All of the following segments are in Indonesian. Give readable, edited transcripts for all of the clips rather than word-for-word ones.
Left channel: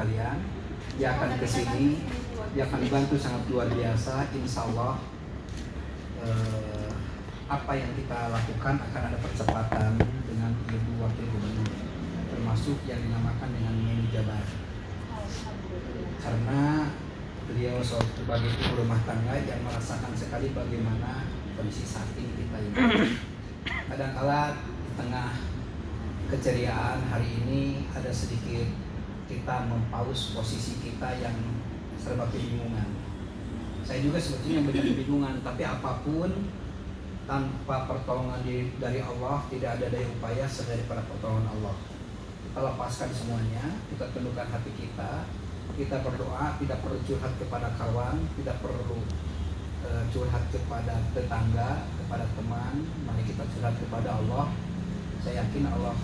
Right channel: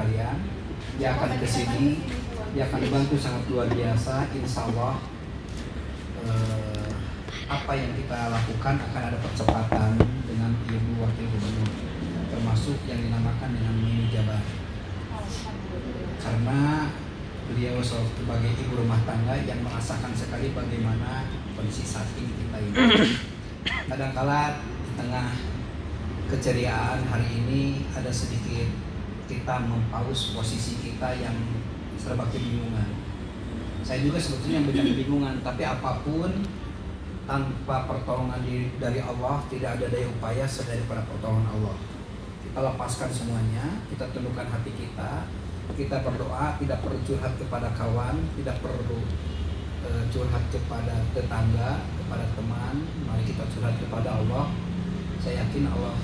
kalian. Dia akan kesini, dia akan bantu sangat luar biasa. Insya Allah apa yang kita lakukan akan ada percepatan dengan Ibu Wakil Gubernur, termasuk yang dinamakan dengan mini jabar. Karena beliau sebagai ibu rumah tangga yang merasakan sekali bagaimana kondisi saat ini kita ini. Kadang-kala di tengah keceriaan hari ini ada sedikit kita mempaus posisi kita yang serba kebingungan. Saya juga sebetulnya banyak kebingungan, tapi apapun tanpa pertolongan dari Allah tidak ada daya upaya selain daripada pertolongan Allah. Kita lepaskan semuanya, kita tundukkan hati kita, kita berdoa, tidak perlu curhat kepada kawan, tidak perlu curhat kepada tetangga, kepada teman. Mari kita curhat kepada Allah. Saya yakin Allah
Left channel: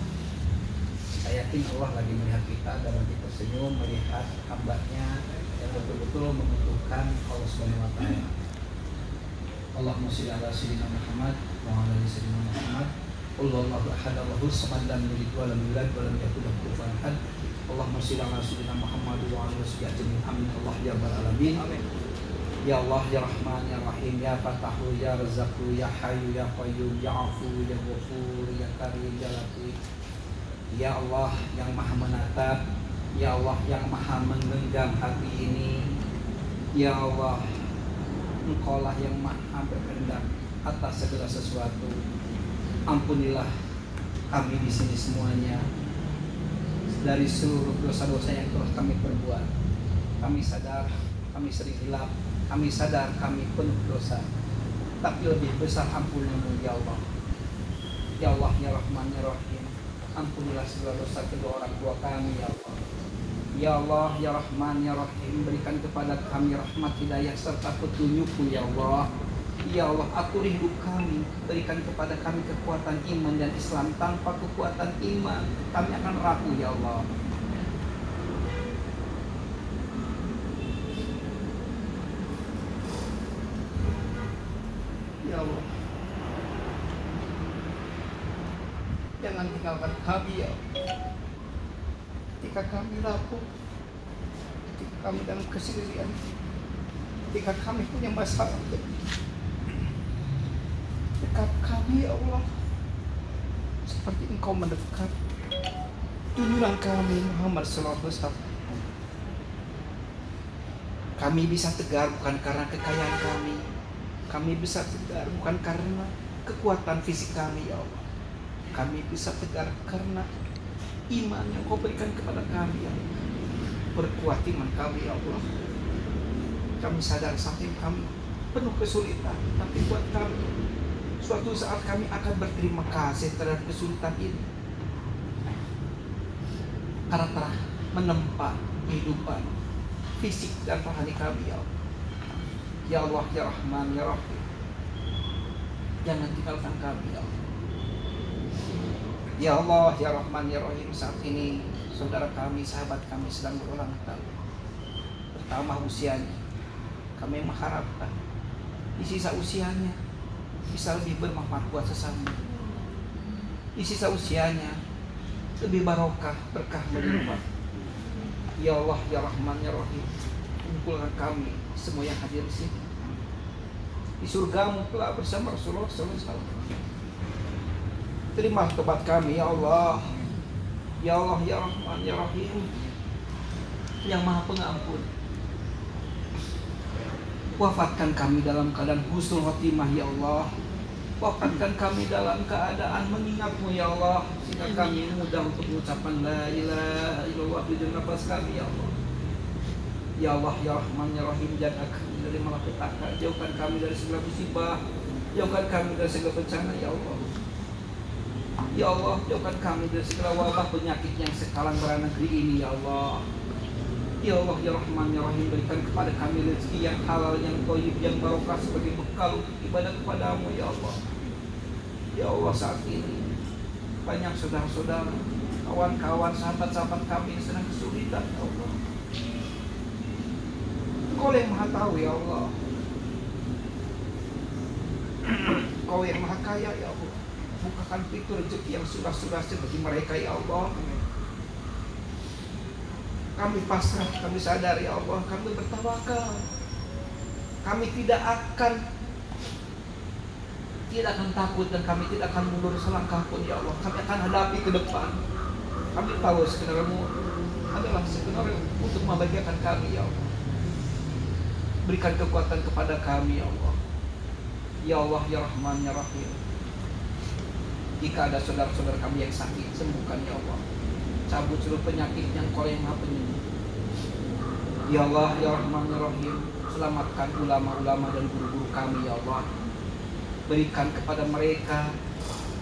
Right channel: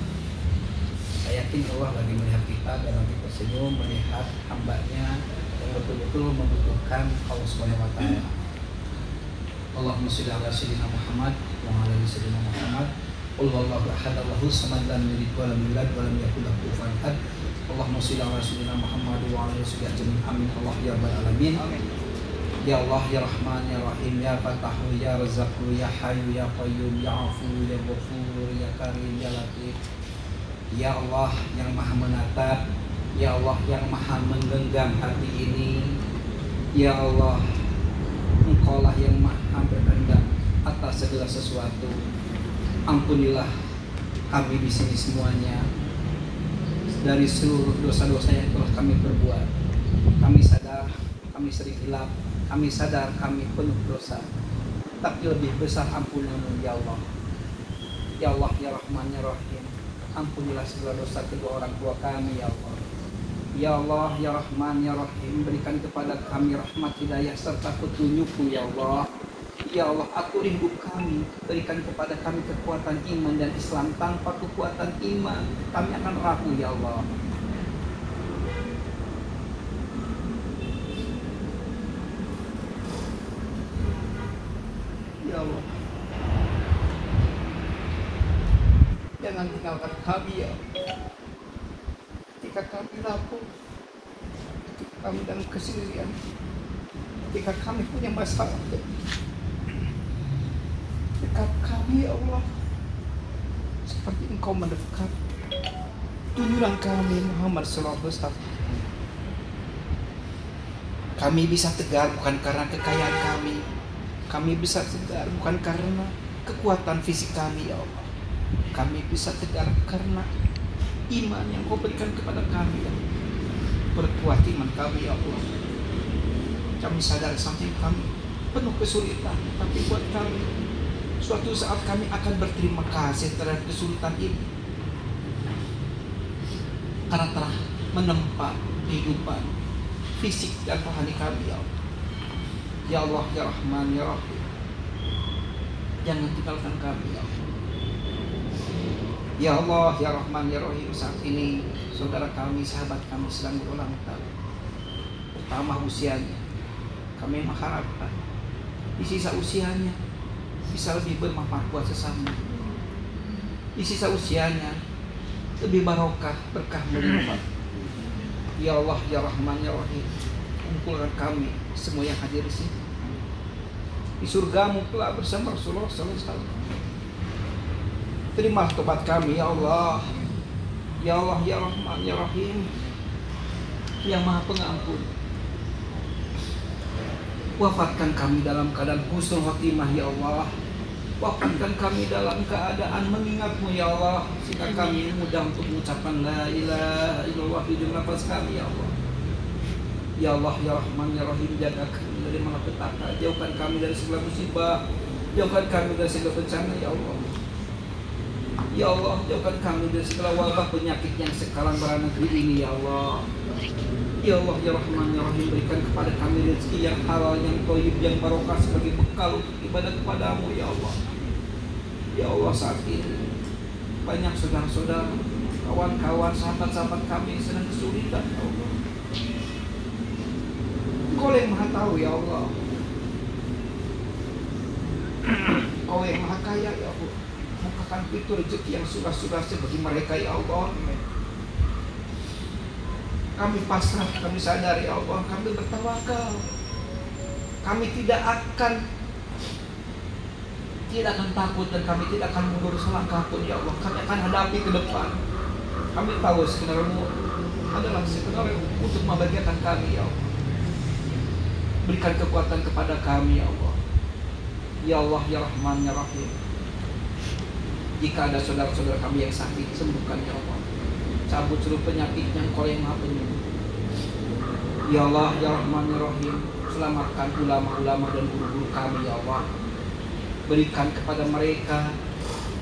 lagi melihat kita dan lagi tersenyum melihat hambanya yang betul-betul membutuhkan Allah Subhanahu wa Ta'ala. Allahumma sholli ala sayyidina Muhammad wa ala ali sayyidina Muhammad. Qul huwallahu ahad, Allahu samad, lam yalid wa lam yulad wa lam yakul lahu kufuwan ahad. Allahumma sholli ala sayyidina Muhammad wa ala ali sayyidina Muhammad. Amin. Allah ya rabbal alamin. Ya Allah ya Rahman ya Rahim ya Fatahu ya Razzaqu ya Hayyu ya Qayyum ya Afu ya Ghafur ya Karim ya Latif. Ya Allah yang Maha menatap, ya Allah yang Maha menggenggam hati ini. Ya Allah, Engkaulah yang Maha berkehendak atas segala sesuatu. Ampunilah kami di sini semuanya dari seluruh dosa-dosa yang telah kami perbuat. Kami sadar kami sering hilaf, kami sadar kami penuh dosa, tapi lebih besar ampunimu ya Allah. Ya Allah ya Rahman ya Rahim, ampunilah segala dosa kedua orang tua kami ya Allah. Ya Allah ya Rahman ya Rahim, berikan kepada kami rahmat hidayah serta petunjukmu ya Allah. Ya Allah, atur hidup kami, berikan kepada kami kekuatan iman dan Islam. Tanpa kekuatan iman kami akan rapuh ya Allah. Ya Allah, jangan tinggalkan kami ya Allah. Ketika kami rapuh, ketika kami dalam kesendirian, ketika kami punya masalah, dekat kami ya Allah, seperti Engkau mendekat. Tunjuklah kami Muhammad sallallahu alaihi wasallam. Kami bisa tegar bukan karena kekayaan kami. Kami bisa tegar bukan karena kekuatan fisik kami ya Allah. Kami bisa tegar karena iman yang Kau berikan kepada kami ya Allah. Berkuat iman kami ya Allah. Kami sadar sampai kami penuh kesulitan, tapi buat kami suatu saat kami akan berterima kasih terhadap kesulitan ini, karena telah menempa kehidupan fisik dan rohani kami ya Allah. Ya Allah ya Rahman ya Rahim, jangan tinggalkan kami ya Allah. Ya Allah ya Rahman ya Rahim, saat ini saudara kami, sahabat kami sedang berulang tahun, pertama usianya. Kami mengharapkan di sisa usianya bisa lebih bermanfaat buat sesama. Di sisa usianya lebih barokah, berkah melimpah. Ya Allah ya Rahman ya Rahim, kumpulkan kami semua yang hadir di sini di surgamu telah bersama Rasulullah SAW. Terimalah tobat kami ya Allah. Ya Allah ya Rahman ya Rahim, yang Maha Pengampun. Wafatkan kami dalam keadaan husnul khotimah ya Allah. Wafatkan kami dalam keadaan mengingat-Mu ya Allah, sehingga kami mudah untuk mengucapkan la ilaha illallah di dalam nafas kami ya Allah. Ya Allah ya Rahman ya Rahim, jaga kami dari malapetaka, jauhkan kami dari segala musibah, jauhkan kami dari segala bencana ya Allah. Ya Allah, jauhkan kami dari segala wabah penyakit yang sekarang melanda negeri ini ya Allah. Ya Allah ya Rahman ya Rahim, berikan kepada kami rezeki yang halal, yang thayyib, yang barokah sebagai bekal untuk ibadah kepadamu ya Allah. Ya Allah, saat ini banyak saudara-saudara, kawan-kawan, sahabat-sahabat kami yang sedang kesulitan ya Allah. Kau yang Maha tahu ya Allah. Kau yang Maha kaya ya Allah. Bukakan pintu rezeki yang surah-surah bagi mereka ya Allah. Kami pasrah, kami sadari ya Allah, kami bertawakal. Kami tidak akan takut dan kami tidak akan mundur selangkah pun ya Allah. Kami akan hadapi ke depan. Kami tahu sebenarnya adalah sebenarnya untuk membahagiakan kami ya Allah. Berikan kekuatan kepada kami ya Allah. Ya Allah ya Rahman ya Rahim. Jika ada saudara-saudara kami yang sakit, sembuhkan ya Allah. Cabut seluruh penyakitnya, Engkau yang Maha Penyembuh. Ya Allah ya Rahman ya Rahim. Selamatkan ulama-ulama dan guru-guru kami ya Allah. Berikan kepada mereka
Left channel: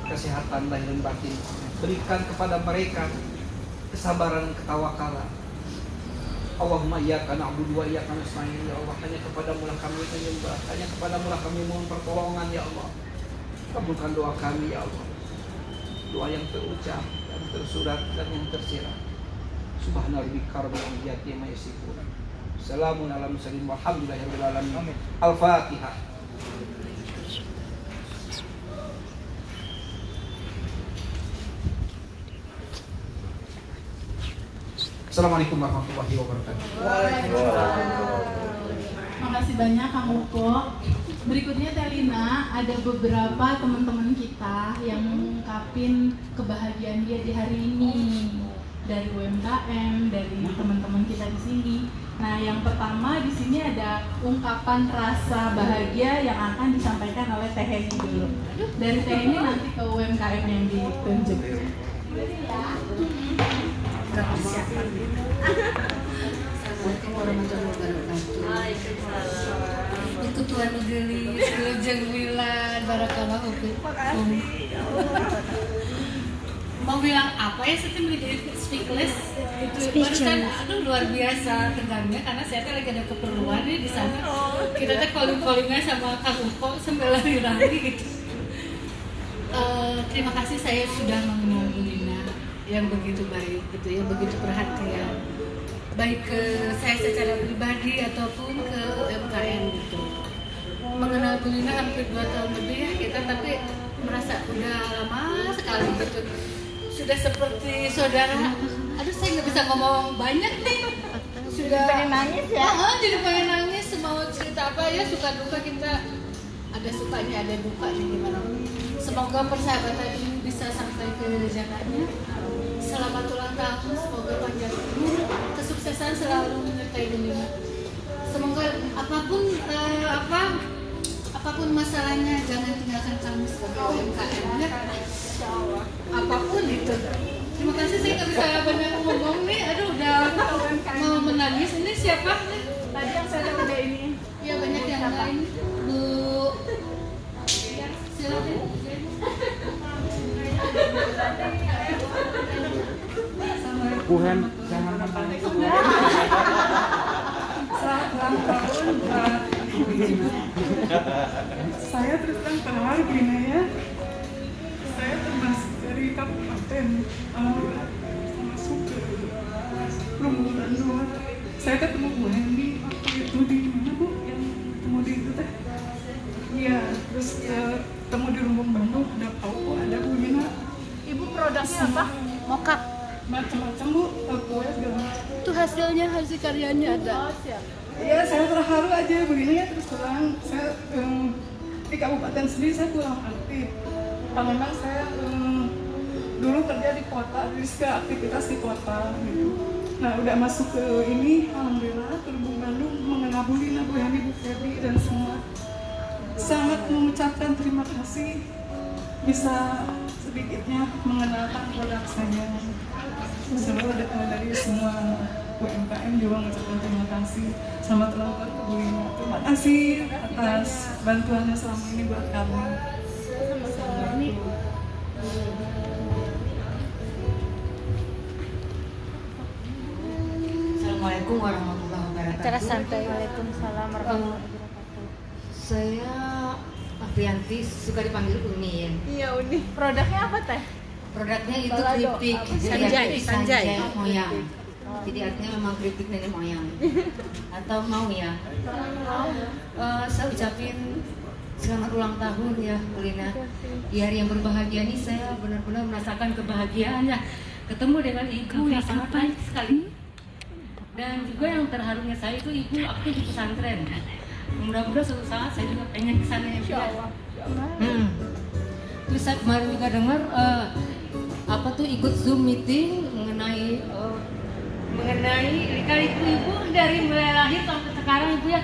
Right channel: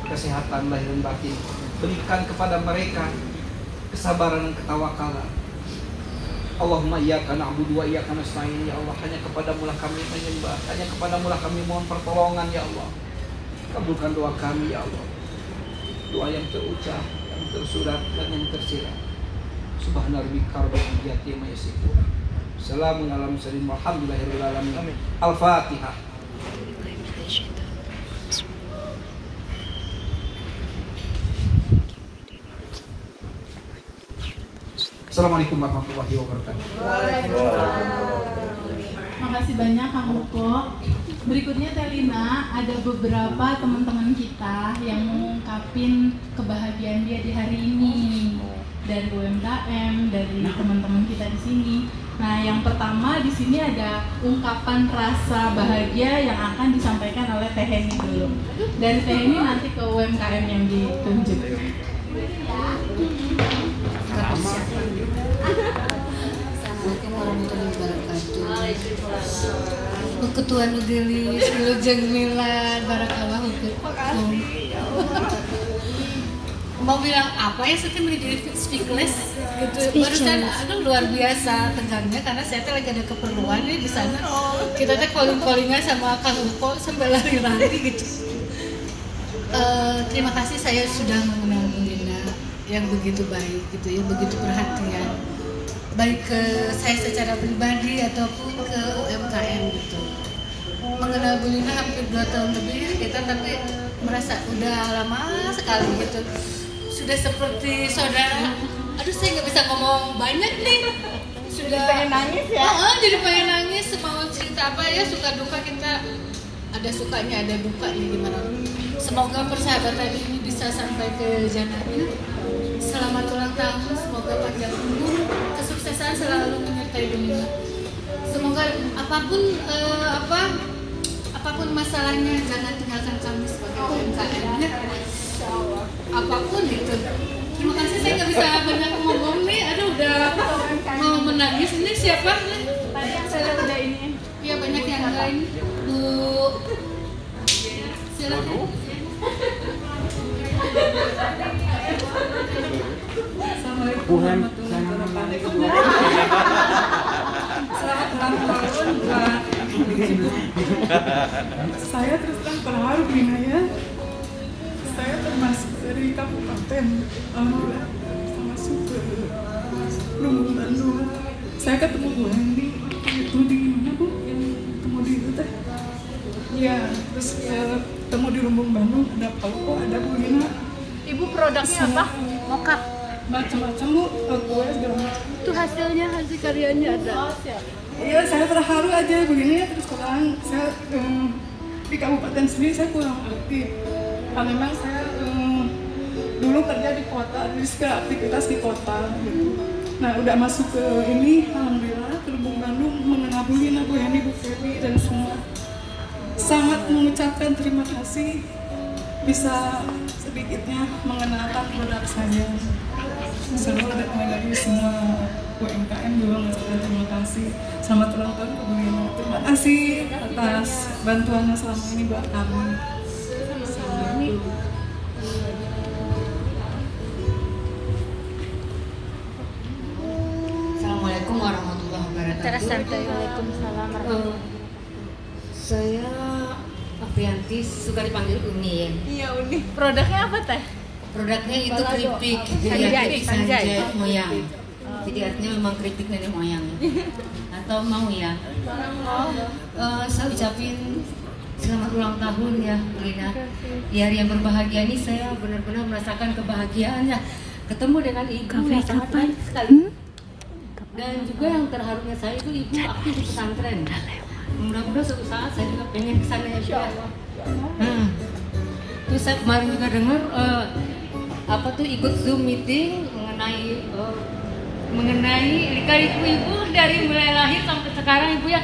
kesehatan lahir dan batin. Berikan kepada mereka kesabaran dan ketawakalan. Allahumma iyyaka na'budu wa iyyaka nasta'in ya Allah. Hanya kepadamu lah kami menyembah, hanya kepadamu lah kami mohon pertolongan ya Allah. Kabulkan doa kami ya Allah. Doa yang terucap, yang tersurat dan yang tersirat. Subhana rabbika rabbil izzati amma yasifun. Salamun ala mursalin walhamdulillahirabbil alamin. Al-Fatihah. Assalamualaikum warahmatullahi wabarakatuh. Makasih banyak Kang Uko. Berikutnya Telina, ada beberapa teman-teman kita yang mengungkapin kebahagiaan dia di hari ini dari UMKM, dari teman-teman kita di sini. Nah, yang pertama di sini ada ungkapan rasa bahagia yang akan disampaikan oleh Teh Heni dulu. Dari Teh Heni nanti ke UMKM yang ditunjuk. Assalamualaikum warahmatullahi wabarakatuh. Ketua Negeri Wilujeng Milan Barakallah mau bilang apa ya, saya menjadi speechless gitu. Barusan aduh luar biasa tegangnya karena saya lagi ada keperluan nih di sana. Kita teh calling-callingan sama Kang Uko sambil lari-lari gitu. Terima kasih saya sudah mengenal Bu Lina yang begitu baik gitu, yang begitu perhatian, baik ke saya secara pribadi ataupun ke UMKM gitu. Mengenal Bu Lina hampir 2 tahun lebih ya kita, tapi merasa udah lama sekali gitu, sudah seperti saudara. Aduh saya nggak bisa ngomong banyak nih, sudah pengen nangis ya. Jadi pengen nangis, mau cerita apa ya, suka duka kita ada sukanya ada dukanya gimana. Semoga persahabatan ini bisa sampai ke jannahnya. Selamat ulang tahun, semoga panjang umur, kesuksesan selalu menyertai dunia. Semoga apapun masalahnya jangan tinggalkan kami sebagai UMKM-nya. Apapun itu. Terima kasih, saya nggak bisa banyak ngomong nih. Aduh udah mau menangis. Ini siapa? Tadi yang saya udah ini. Ya banyak yang lain. Bu, silakan. Tuhan jangan membalik. Selamat ulang tahun buat saya. Terus terharu Lina ya. Saya termasuk dari kabupaten masuk ke Lumbung Bandung. Saya ketemu Bu Hendy itu di mana Bu? Yang ketemu di itu teh. Iya, terus ketemu di Lumbung Bandung, ada Pauko, ada Bu Lina. Ibu produknya apa? Moka. Macam-macam Bu, kue segala macam. Itu hasilnya, hasil karyanya ada. Ya saya terharu aja begini ya, terus terang saya di kabupaten sendiri saya kurang aktif. Karena memang saya dulu kerja di kota, jadi suka aktivitas di kota gitu. Nah udah masuk ke ini, alhamdulillah ke Lumbung Bandung, mengenal Bu Lina, Bu Hendy, Bu Feby dan semua. Sangat mengucapkan terima kasih bisa sedikitnya mengenalkan produk saya. Seluruh dari semua UMKM juga mengucapkan terima kasih. Selamat ulang tahun Bu Lina. Terima kasih atas bantuannya selama ini buat kami. Assalamualaikum warahmatullahi wabarakatuh. Waalaikumsalam warahmatullahi wabarakatuh. Saya Aprianti, suka dipanggil Uni ya. Iya Uni. Produknya apa Teh? Produknya itu keripik, sanjay moyang. Jadi artinya memang keripik nenek moyang. Atau mau ya? Saya ucapin selamat ulang tahun ya Bu Lina. Di hari yang berbahagia ini saya benar-benar merasakan kebahagiaannya. Ketemu dengan ibu sangat baik sekali. Dan juga yang terharunya saya itu ibu aktif di pesantren. Mudah-mudahan suatu saat saya juga pengen kesana ya. Terus saya kemarin juga dengar ikut Zoom meeting mengenai nikah ibu dari mulai lahir sampai sekarang ibu ya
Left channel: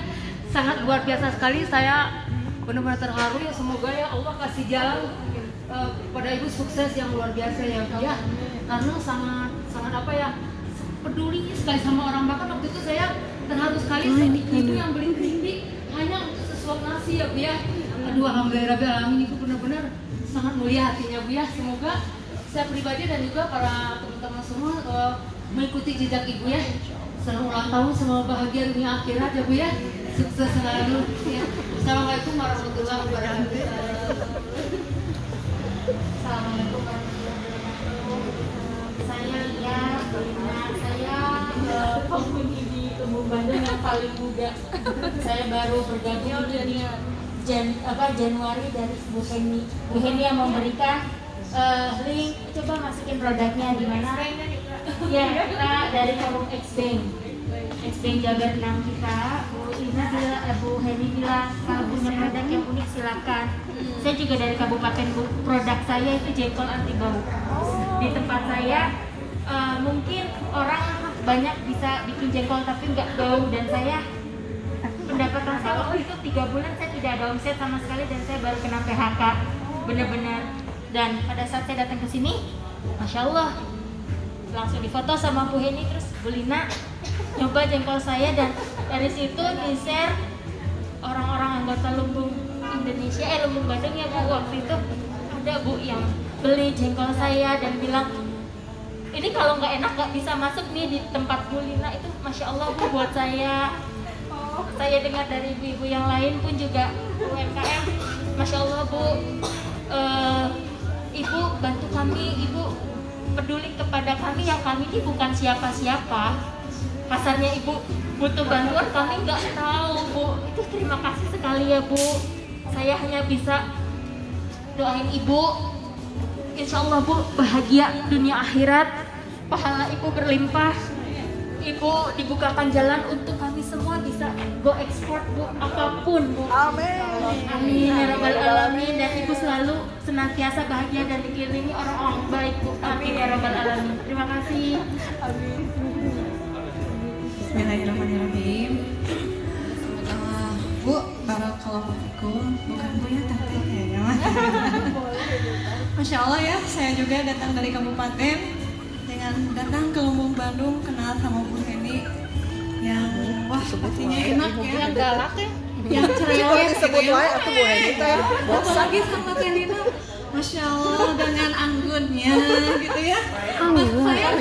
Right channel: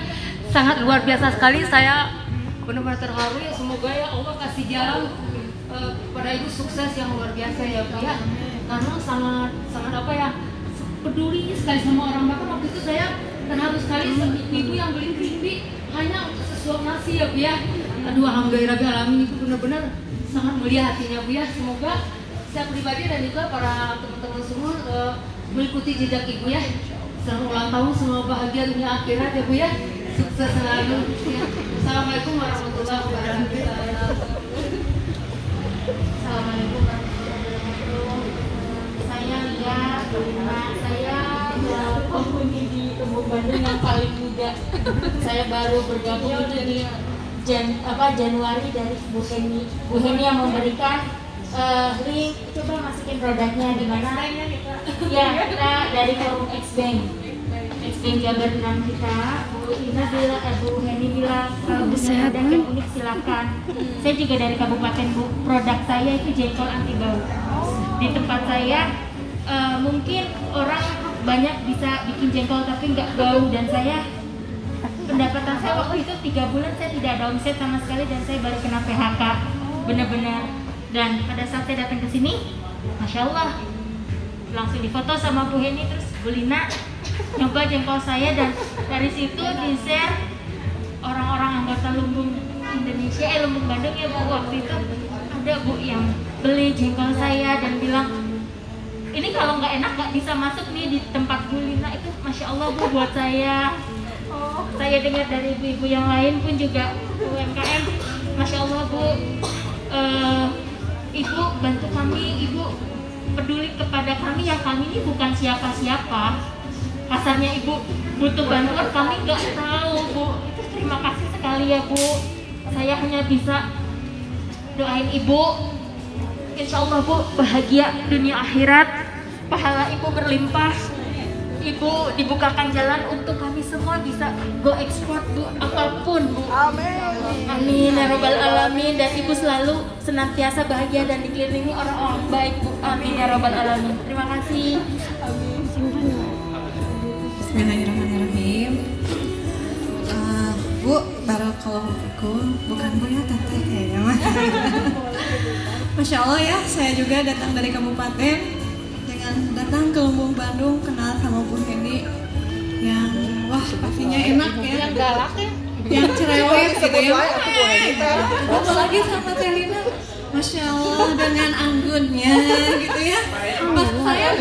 sangat luar biasa sekali. Saya benar-benar terharu ya, semoga ya Allah kasih jalan pada ibu sukses yang luar biasa ya Bu ya. Karena sangat apa ya, peduli sekali sama orang makan. Waktu itu saya terharu sekali ibu yang beli keripik hanya untuk sesuap nasi ya Bu ya. Aduh, alhamdulillahirrahmanirrahim, ibu benar-benar sangat mulia hatinya Bu ya. Semoga saya pribadi dan juga para teman-teman semua mengikuti jejak ibu ya. Selamat ulang tahun, semua bahagia dunia akhirat ya Bu ya. Sukses selalu ya. Assalamualaikum warahmatullahi wabarakatuh. Assalamualaikum warahmatullahi wabarakatuh. Saya lihat saya penghuni di Tumbuk Bandung yang paling muda. Saya baru bergabung ini di Januari dari Bu Heni. Bu Heni yang memberikan link, coba masukin produknya di mana? Ya, kita dari forum X-Bank Jabar 6 kita. Bu Heni bilang kalau punya produk yang unik silakan. Saya juga dari kabupaten Bu. Produk saya itu jengkol anti bau. Di tempat saya mungkin orang banyak bisa bikin jengkol tapi nggak bau, dan saya pendapatan saya waktu itu 3 bulan saya tidak ada omset sama sekali dan saya baru kena PHK benar-benar. Dan pada saat saya datang ke sini, Masya Allah, langsung difoto sama Bu Heni, terus Bu Lina nyoba jengkol saya, dan dari situ di-share orang-orang anggota Lumbung Indonesia, Lumbung Bandung ya Bu. Waktu itu ada Bu yang beli jengkol saya dan bilang, ini kalau nggak enak nggak bisa masuk nih di tempat Bu Lina. Itu Masya Allah Bu buat saya. Saya dengar dari ibu-ibu yang lain pun juga UMKM, Masya Allah Bu, Ibu bantu kami, Ibu peduli kepada kami ya, kami ini bukan siapa-siapa. Kasarnya Ibu butuh bantuan, kami nggak tahu Bu. Itu terima kasih sekali ya Bu. Saya hanya bisa doain Ibu, Insya Allah Bu bahagia dunia akhirat, pahala Ibu berlimpah, Ibu dibukakan jalan untuk kami semua bisa go ekspor Bu, apapun Bu. Amin ya Rabbal Alamin. Dan Ibu selalu senantiasa bahagia dan dikelilingi orang-orang baik Bu. Amin ya Rabbal Alamin. Terima kasih. Amin. Bismillahirrahmanirrahim. Bu, barakallahu, bukan Bu ya, tante kayaknya mah. Masya Allah ya, saya juga datang dari kabupaten dengan datang ke Lumbung Bandung, kenal sama Bu Heni yang wah pastinya enak ya, galak ya, yang cerewet gitu ya. Apalagi sama Telina, Masya Allah dengan anggunnya gitu ya. Saya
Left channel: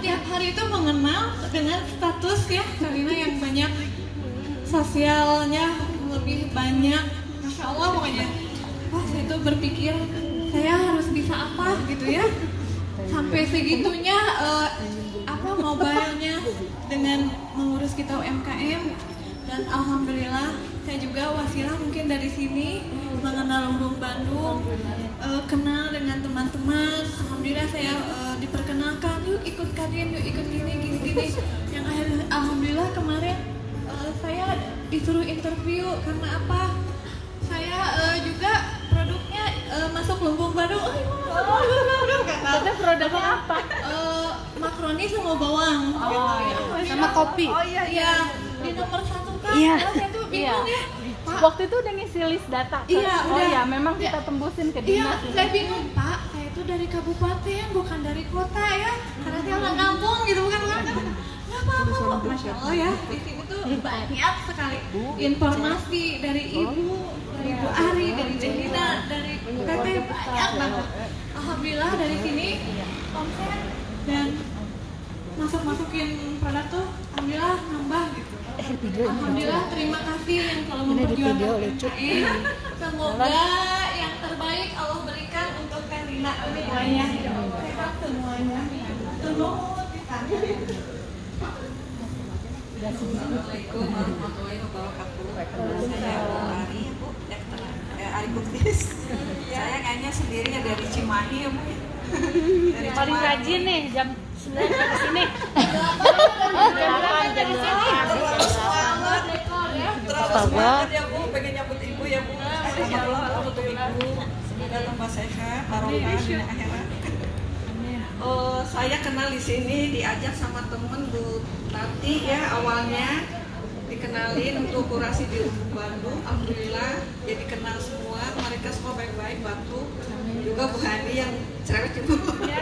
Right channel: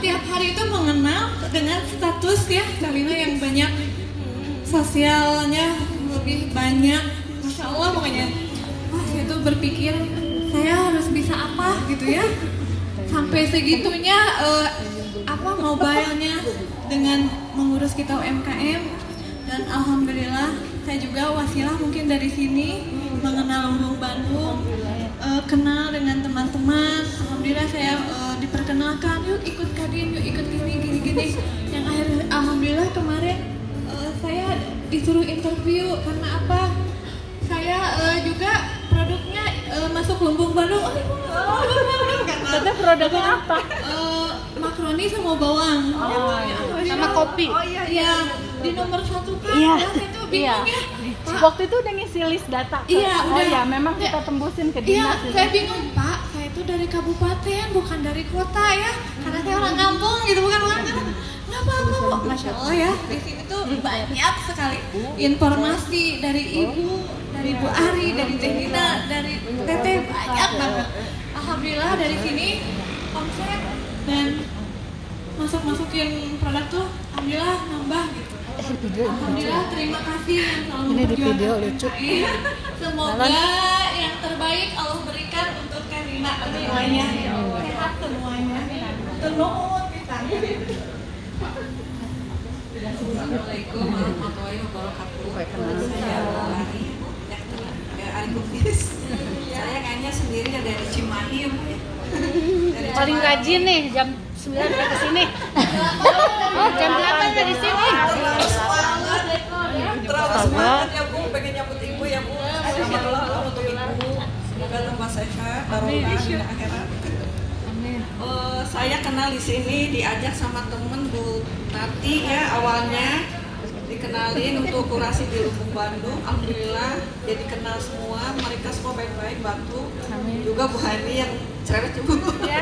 tiap hari itu mengenal dengan status ya Telina yang banyak sosialnya lebih banyak, Masya Allah pokoknya. Wah, saya tuh berpikir saya harus bisa apa gitu ya, sampai segitunya mobilenya dengan mengurus kita UMKM. Dan alhamdulillah saya juga wasilah mungkin dari sini mengenal Lumbung Bandung, kenal dengan teman-teman. Alhamdulillah saya diperkenalkan, yuk ikut Kadin, yuk ikut gini. Yang akhirnya alhamdulillah kemarin saya disuruh interview karena apa? Saya juga produknya masuk Lumbung Bandung. Tapi produknya apa? Makaroni sama bawang. Sama kopi. Iya, di nomor 1 kan. Iya. Saya tuh bingung ya. Pak, Waktu itu udah ngisi list data. Iya, Oh udah. ya, memang kita tembusin ke Iya, dinas. saya bingung Pak. Saya itu dari kabupaten, bukan dari kota ya. Karena saya orang kampung gitu, bukan. Nggak apa-apa Bu. Masya Allah ya. Di sini tuh banyak sekali informasi dari Ibu, dari Bu Ari, dari Teh Dina, dari Teteh, banyak banget. Alhamdulillah dari sini omset dan masukin produk tuh alhamdulillah nambah gitu. Alhamdulillah, terima kasih yang selalu memperjuangkan UMKM. Semoga yang terbaik Allah berikan untuk Kadina semuanya. Sehat semuanya. Tenun kita. Assalamualaikum warahmatullahi wabarakatuh. Saya Bu Ari, Bu. Ari Kukis. Saya kayaknya sendiri dari Cimahi. Paling rajin nih, jam 9 udah ke sini. Jam 8 udah di sini. Terlalu semangat ya Bu, pengen nyambut Ibu ya Bu. Selamat ulang tahun untuk Ibu. Semoga tambah sehat, barokah di akhirat. Saya kenal di sini diajak sama temen Bu Tati ya, awalnya dikenalin untuk kurasi di Lumbung Bandung. Alhamdulillah jadi kenal semua, mereka semua baik-baik, bantu. Juga Bu Hani yang cerewet Bu. Ya,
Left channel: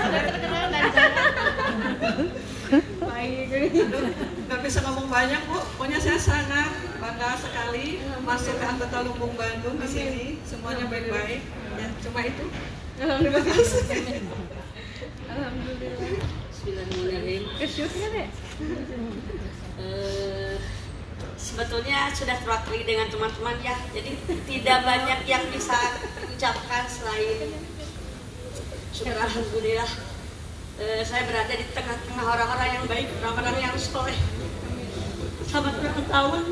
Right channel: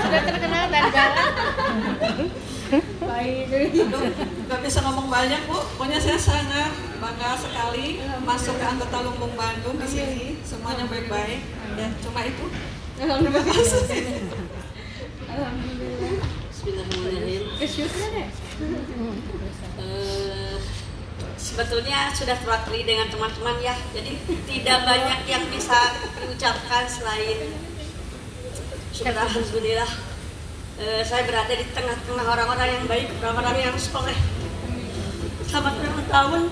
sudah terkenal dari jalan. Baik. Aduh, nggak bisa ngomong banyak Bu. Pokoknya saya sangat bangga sekali masuk ke anggota Lumbung Bandung di sini. Semuanya baik-baik. Ya, cuma itu. Terima kasih. Alhamdulillah. Bismillahirrahmanirrahim. Kesyukuran ya? Sebetulnya sudah terwakili dengan teman-teman ya, jadi tidak banyak yang bisa diucapkan selain syukur alhamdulillah. Saya berada di tengah-tengah orang-orang yang baik, orang-orang yang soleh. Selamat ulang tahun,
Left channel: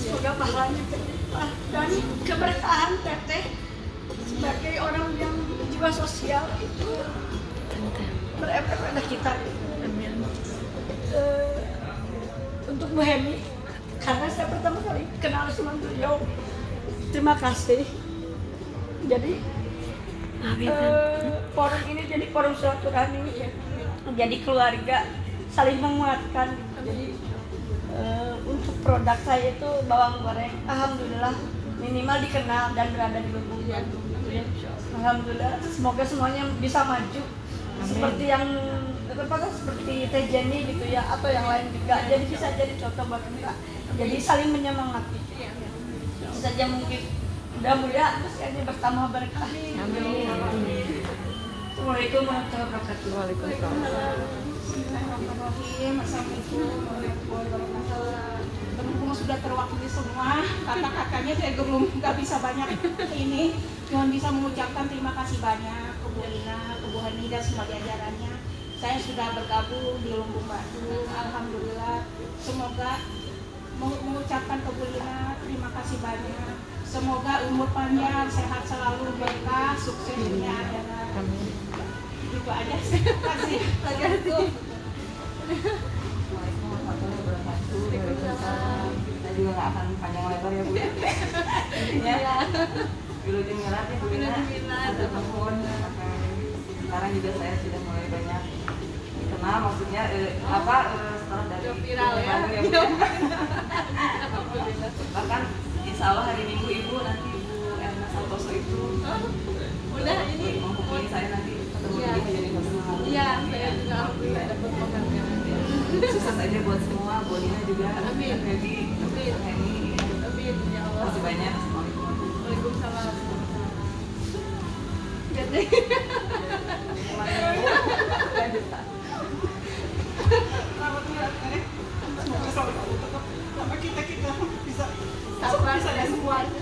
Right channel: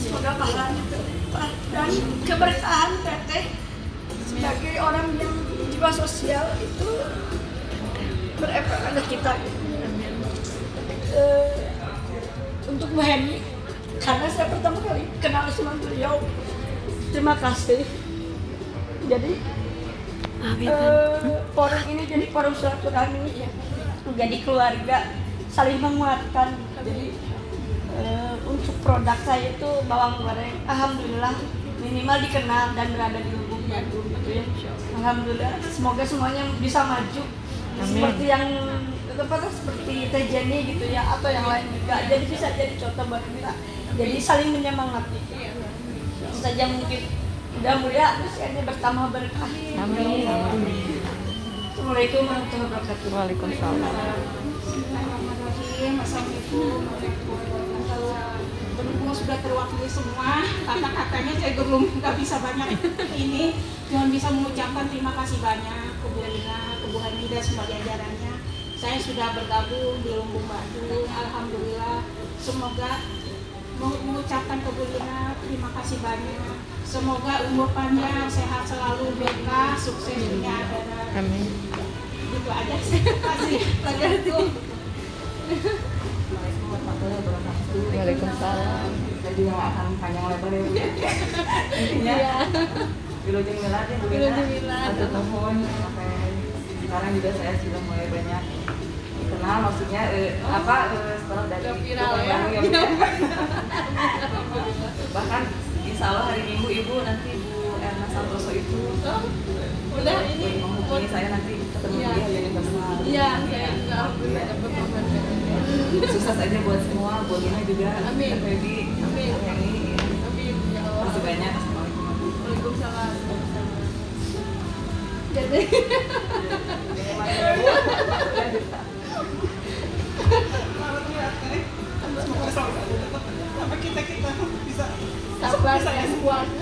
semoga pahalanya berlimpah dan keberkahan teteh sebagai orang yang jiwa sosial itu berefek pada kita. Untuk Bu Hemi, karena saya pertama kali kenal sama beliau, terima kasih. Jadi forum ini jadi forum silaturahmi ya, jadi keluarga saling menguatkan. Jadi untuk produk saya itu bawang goreng, alhamdulillah minimal dikenal dan berada di Lumbung Bandung gitu ya. Alhamdulillah, semoga semuanya bisa maju. Amin. Seperti yang seperti Teh Jenny gitu ya, atau yang lain juga. Jadi bisa jadi contoh buat kita. Jadi saling menyemangati. Itu saja mungkin. Mudah-mudahan usianya bertambah berkah. Amin. Assalamualaikum warahmatullahi wabarakatuh. Waalaikumsalam. Bismillahirrahmanirrahim. Assalamualaikum warahmatullahi wabarakatuh. Berhubung sudah terwakili semua, kata-katanya saya belum nggak bisa banyak ini. Cuma bisa mengucapkan terima kasih banyak ke Bu Lina, ke Bu Hani dan semua jajarannya. Saya sudah bergabung di Lumbung Bandung, alhamdulillah. Semoga mengucapkan ke Bu Lina terima kasih banyak. Semoga umur panjang, sehat selalu, berkah, sukses dunia akhirat. Amin. Itu aja. Terima kasih. Assalamualaikum warahmatullahi wabarakatuh. Waalaikumsalam. Saya juga nggak akan panjang lebar ya Bu. Intinya Wilujeng Milad ya Bu Lina. Satu tahun sampai sekarang juga saya sudah mulai banyak dikenal, maksudnya setelah dari viral ya. Bahkan insya Allah hari Minggu Ibu nanti Bu Erna Santoso itu udah ini menghubungi saya nanti ketemu dia di Universal. Iya, saya juga alhamdulillah dapat penghargaan. Sukses aja buat semua, Bu Lina juga, Amin. Kak Febi, Amin. Kak Heni. Amin ya Allah. Terima kasih banyak. Assalamualaikum. Waalaikumsalam.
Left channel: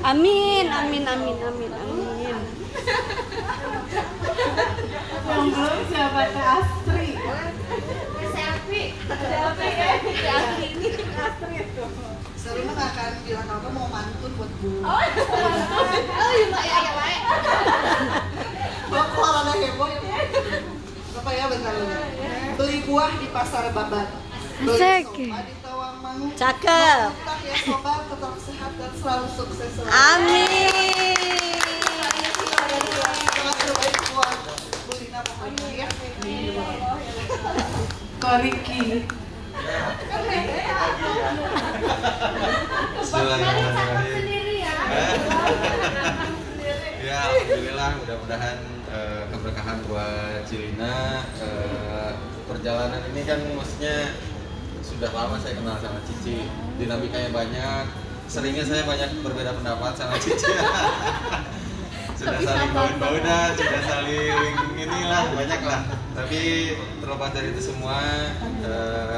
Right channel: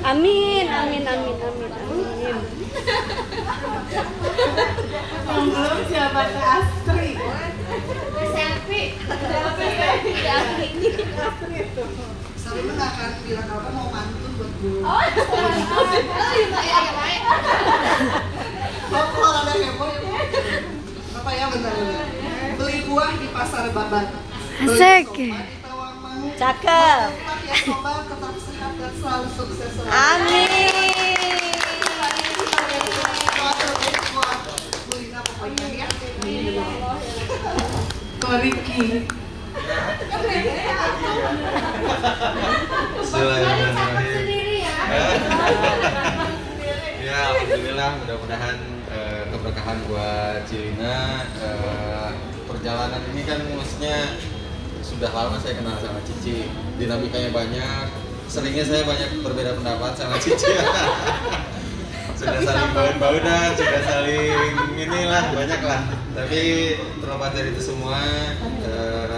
Amin, amin, amin, amin, amin. Yang belum siapa Teh Astri? Selfie. Ini Astri tuh. Sering nggak akan bilang apa mau mantun buat Bu. Oh, iya, Pak, ya, Pak. Bapak olahraga heboh. Bapak ya bentar dulu. Beli buah di pasar Babat. Asik. Cakep. Ya coba tetap sehat dan selalu sukses selalu. Amin. Bu Lina pokoknya ya. Koriki. Sendiri ya. Ya, alhamdulillah, mudah-mudahan keberkahan buat Cilina. Perjalanan ini kan maksudnya sudah lama saya kenal sama Cici, dinamikanya banyak, seringnya saya banyak berbeda pendapat sama Cici. Sudah saling baud-baudan, sudah saling inilah, banyak lah. Tapi terlepas dari itu semua,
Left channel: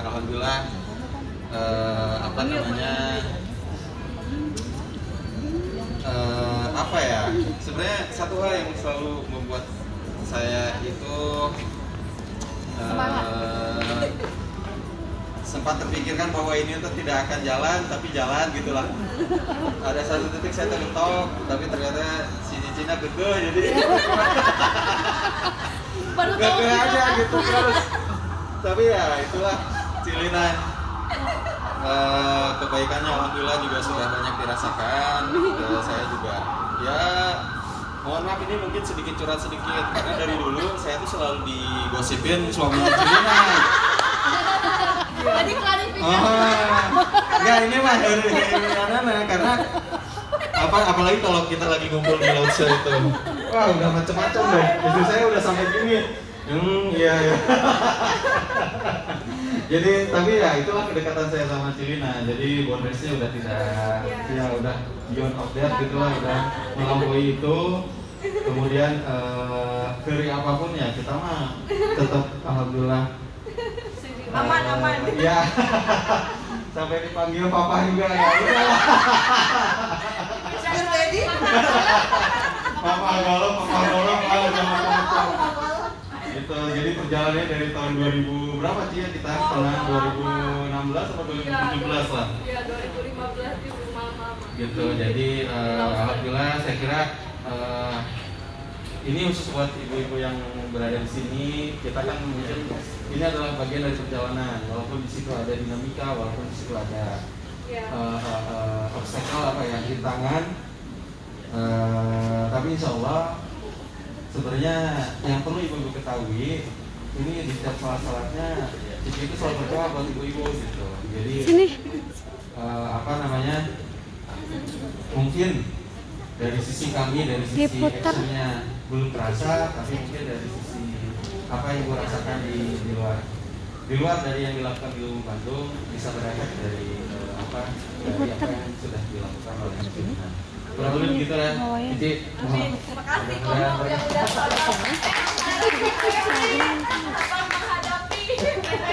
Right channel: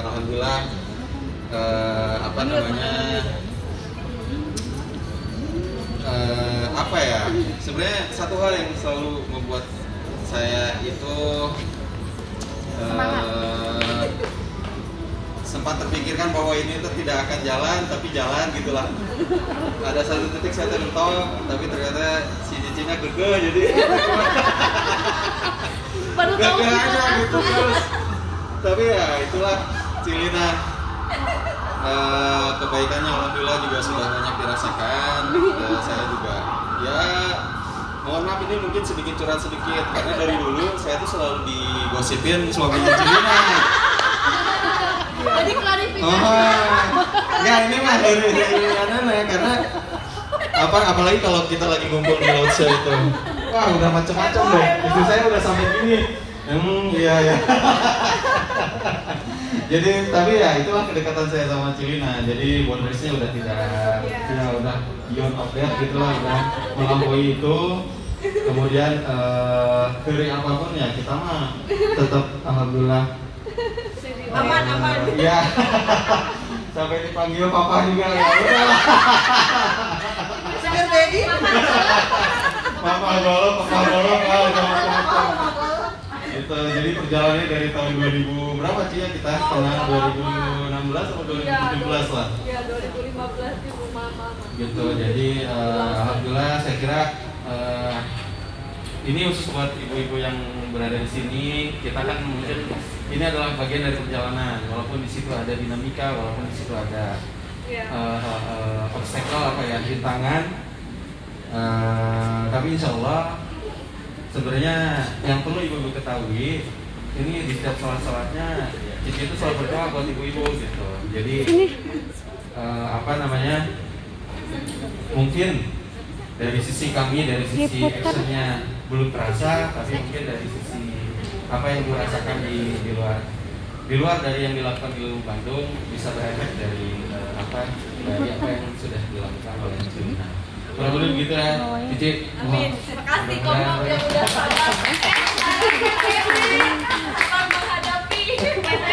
alhamdulillah, apa namanya, apa ya, sebenarnya satu hal yang selalu membuat saya itu sempat terpikirkan bahwa ini tuh tidak akan jalan, tapi jalan gitulah. Ada satu titik saya termentok, tapi ternyata si Cicina keke, jadi Gak aja gitu terus. Tapi ya itulah Cilina. Kebaikannya alhamdulillah juga sudah banyak dirasakan. Saya juga ya mohon maaf ini mungkin sedikit curhat sedikit karena dari dulu saya tuh selalu digosipin suaminya Cilina. Jadi klarifikasi. Ya ini mah dari mana karena apalagi kalau kita lagi ngumpul di Lautse itu. Wah, udah macam-macam deh. Istri saya udah sampai gini. Iya. Jadi tapi ya itulah kedekatan saya sama Cilina. Jadi boundariesnya udah tidak, ya udah beyond of that gitulah, udah melampaui itu. Kemudian dari apapun ya kita mah tetap alhamdulillah aman. Ya. Sampai dipanggil papa juga ya udahlah. Saya Dedi. Papa golok macam-macam. Gitu. Jadi perjalanannya dari tahun 2000 berapa sih ya kita kenal 2016 atau 2017 lah. Iya 2015 di rumah mama. Gitu. Jadi alhamdulillah saya kira ini khusus buat ibu-ibu yang berada di sini. Kita kan mungkin ini adalah bagian dari perjalanan. Walaupun di situ ada dinamika, walaupun di situ ada obstacle apa ya, rintangan. Tapi insya Allah sebenarnya yang perlu ibu-ibu ketahui ini di setiap salat-salatnya Cici itu selalu berdoa buat ibu-ibu gitu. Jadi mungkin dari sisi kami, dari sisi actionnya belum terasa, tapi mungkin dari sisi apa yang gue rasakan di luar dari yang dilakukan di Bandung bisa berefek dari apa yang sudah dilakukan oleh Cilina. Kurang lebih begitu ya, Cici. Amin. Terima kasih kamu yang udah sabar. Menghadapi.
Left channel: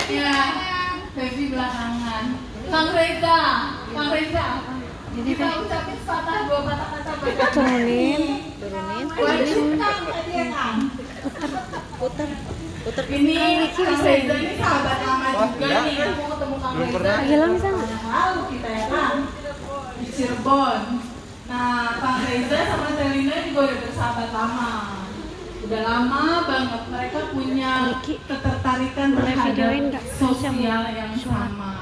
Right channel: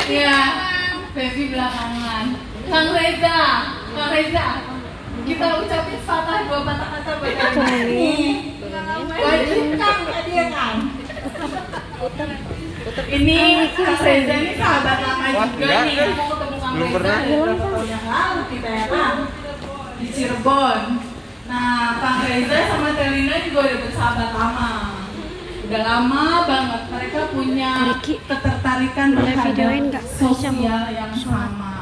Iya, Baby belakangan. Kang Reza, kita ucapin dua patah kata buat Kang. Wajib Kang tadi ya Kang. Ini Kang Reza ini sahabat lama juga nih. Mau ketemu Kang Reza tahun yang lalu kita ya Kang di Cirebon. Nah, Kang Reza sama Celina juga udah bersahabat lama. Udah lama banget mereka punya ketertarikan terhadap sosial yang sama.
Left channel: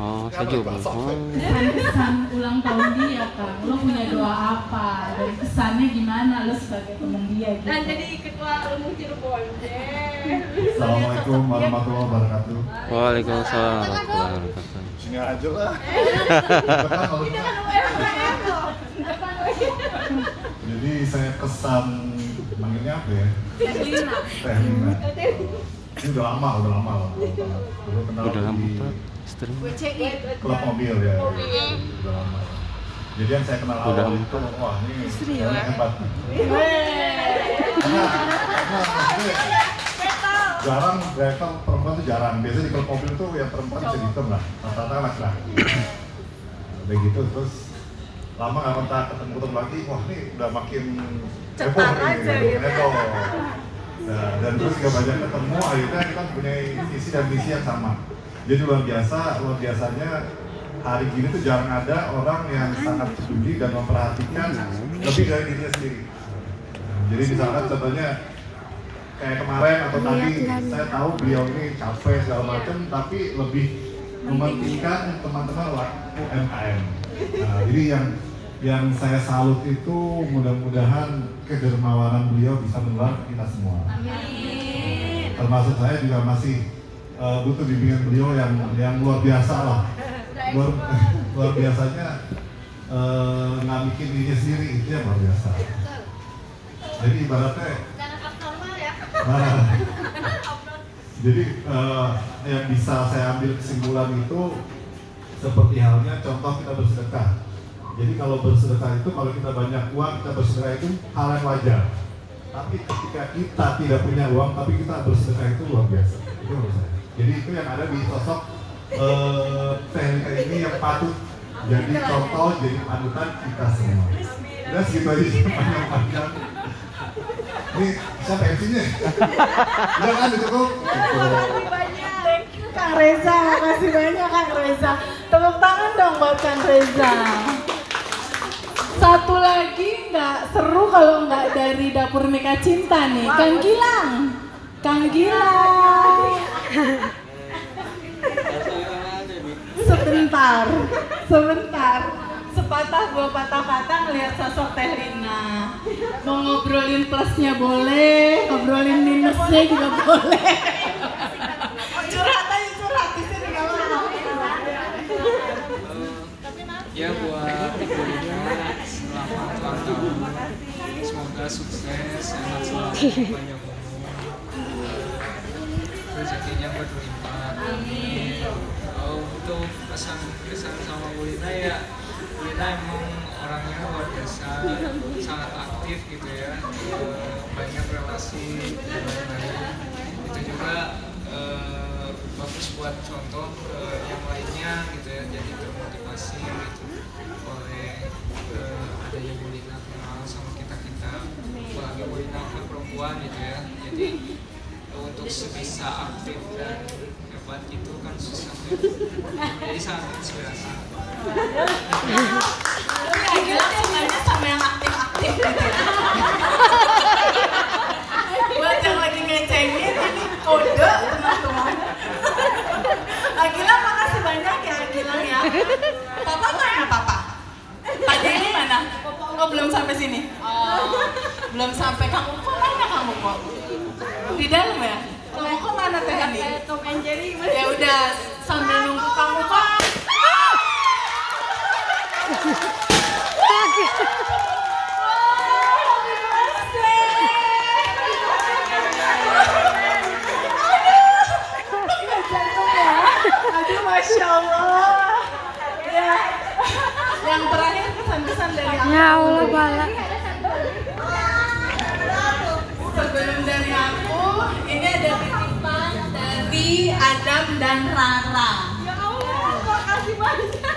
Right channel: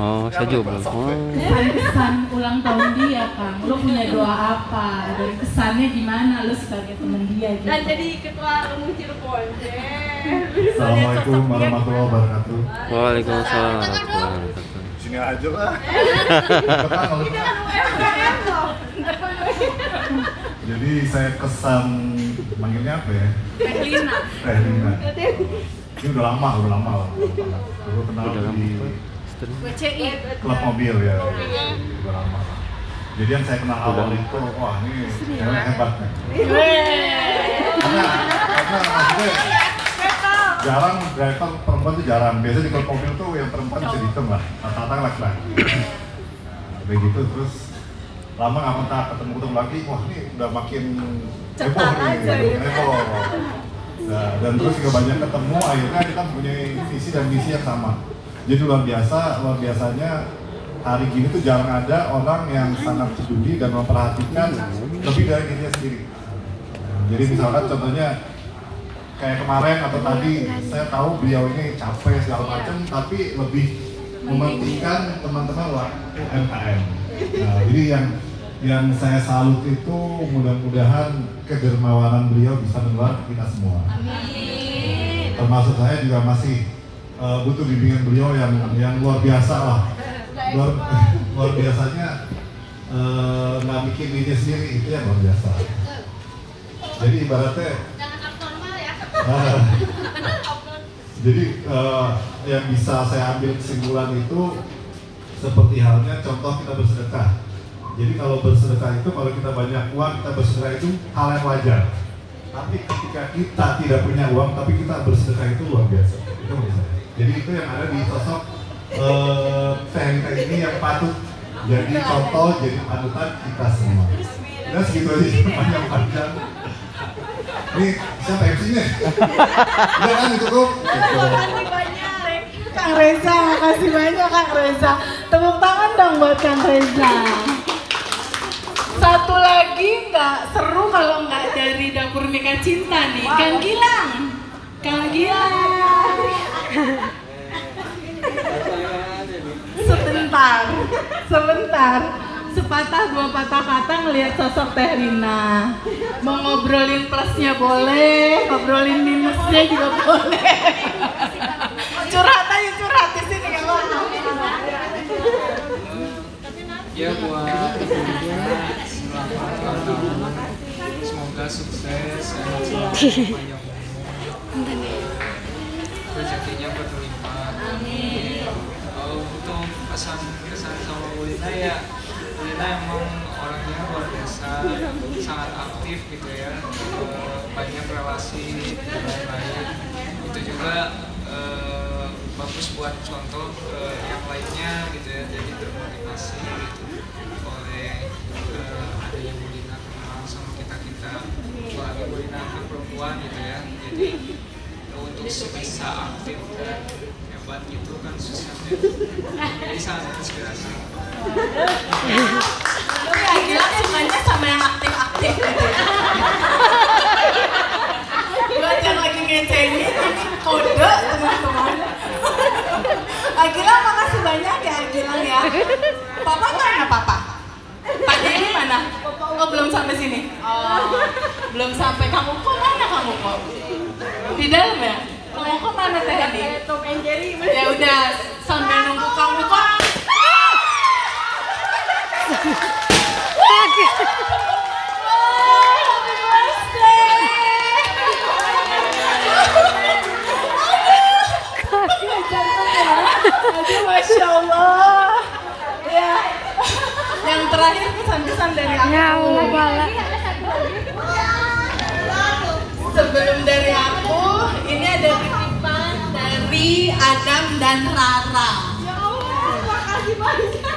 Oh, saya juga belum. Kesan ulang tahun dia Kang, lu punya doa apa? Dari kesannya gimana lu sebagai teman dia? Gitu? Dan jadi ketua Lumung Cirebon. Assalamualaikum warahmatullahi wabarakatuh. Waalaikumsalam warahmatullahi wabarakatuh. Sini aja lah. Jadi saya kesan manggilnya apa ya? Tehlina. Ini udah lama. Dulu kenal di klub mobil ya. Udah lama. Jadi yang saya kenal awal itu, wah ini cewek hebat nih. Karena maksudnya jarang driver perempuan tuh jarang. Biasanya di klub mobil tuh yang perempuan bisa dihitung lah, rata-rata laki-laki. Begitu terus lama nggak pernah ketemu lagi, wah ini udah makin heboh nih, heboh. Nah, dan terus juga banyak ketemu, akhirnya kita punya visi dan misi yang sama. Jadi luar biasanya hari gini tuh jarang ada orang yang sangat peduli dan memperhatikan lebih dari dirinya sendiri. Jadi misalkan contohnya kayak kemarin atau tadi saya tahu beliau ini capek segala macam, tapi lebih mementingkan teman-teman UMKM. Nah, jadi yang saya salut itu mudah-mudahan kedermawanan beliau bisa menular ke kita semua. Amin. Termasuk saya juga masih butuh bimbingan beliau yang luar biasa lah. Luar biasanya nggak bikin diri sendiri, itu yang luar biasa. Jadi ibaratnya jadi yang bisa saya ambil kesimpulan itu seperti halnya contoh kita bersedekah. Jadi kalau bersedekah itu, kalau kita banyak uang, kita bersedekah itu hal yang wajar. Tapi ketika kita tidak punya uang, tapi kita bersedekah itu luar biasa. Itu bisa. Jadi itu yang ada di sosok Tehlina ini yang patut jadi contoh, jadi panutan kita semua. Udah segitu aja, panjang-panjang. Ini siapa MC-nya? Udah kan cukup? Kang Reza, makasih banyak Kang Reza. Tepuk tangan dong buat Kang Reza. Satu lagi nggak seru kalau nggak dari Dapur Mika Cinta nih, Kang Gilang. Kang Gilang. Sebentar. Sepatah dua patah-patah ngelihat sosok Teh Lina. Mau ngobrolin plusnya boleh, ngobrolin minusnya juga boleh. Curhat aja, curhat di sini nggak apa-apa. Ya buat ibunya semoga sukses, sehat selalu, panjang umur, rezekinya berlimpah. Kalau untuk pesan sama Bu Lina ya, Bu Lina emang orangnya luar biasa, sangat aktif gitu ya, banyak relasi dan lain-lain. Itu juga bagus buat contoh yang lainnya gitu ya, jadi termotivasi gitu oleh adanya Bu Lina kenal sama kita apalagi Bu Lina perempuan gitu ya, jadi untuk sebisa aktif dan hebat itu kan susah ya, jadi sangat inspirasi. Tapi Agila sukanya sama yang aktif-aktif gitu ya. Buat yang lagi ngecengin, kode teman-teman. Agila makasih banyak ya Agila ya. Papa mana papa? Tadi ini mana? Oh belum sampai sini. Oh belum sampai. Kamu kok mana kamu kok? Di dalam ya? Kamu kok mana tadi? Tom and Jerry. Ya udah sambil nunggu kamu kok. Aduh, Masya Allah. Ya. Yang terakhir pesan-pesan dari aku. Ya Allah, bala. Sebelum dari aku, ini ada titipan dari Adam dan Rara. Ya Allah, makasih banyak.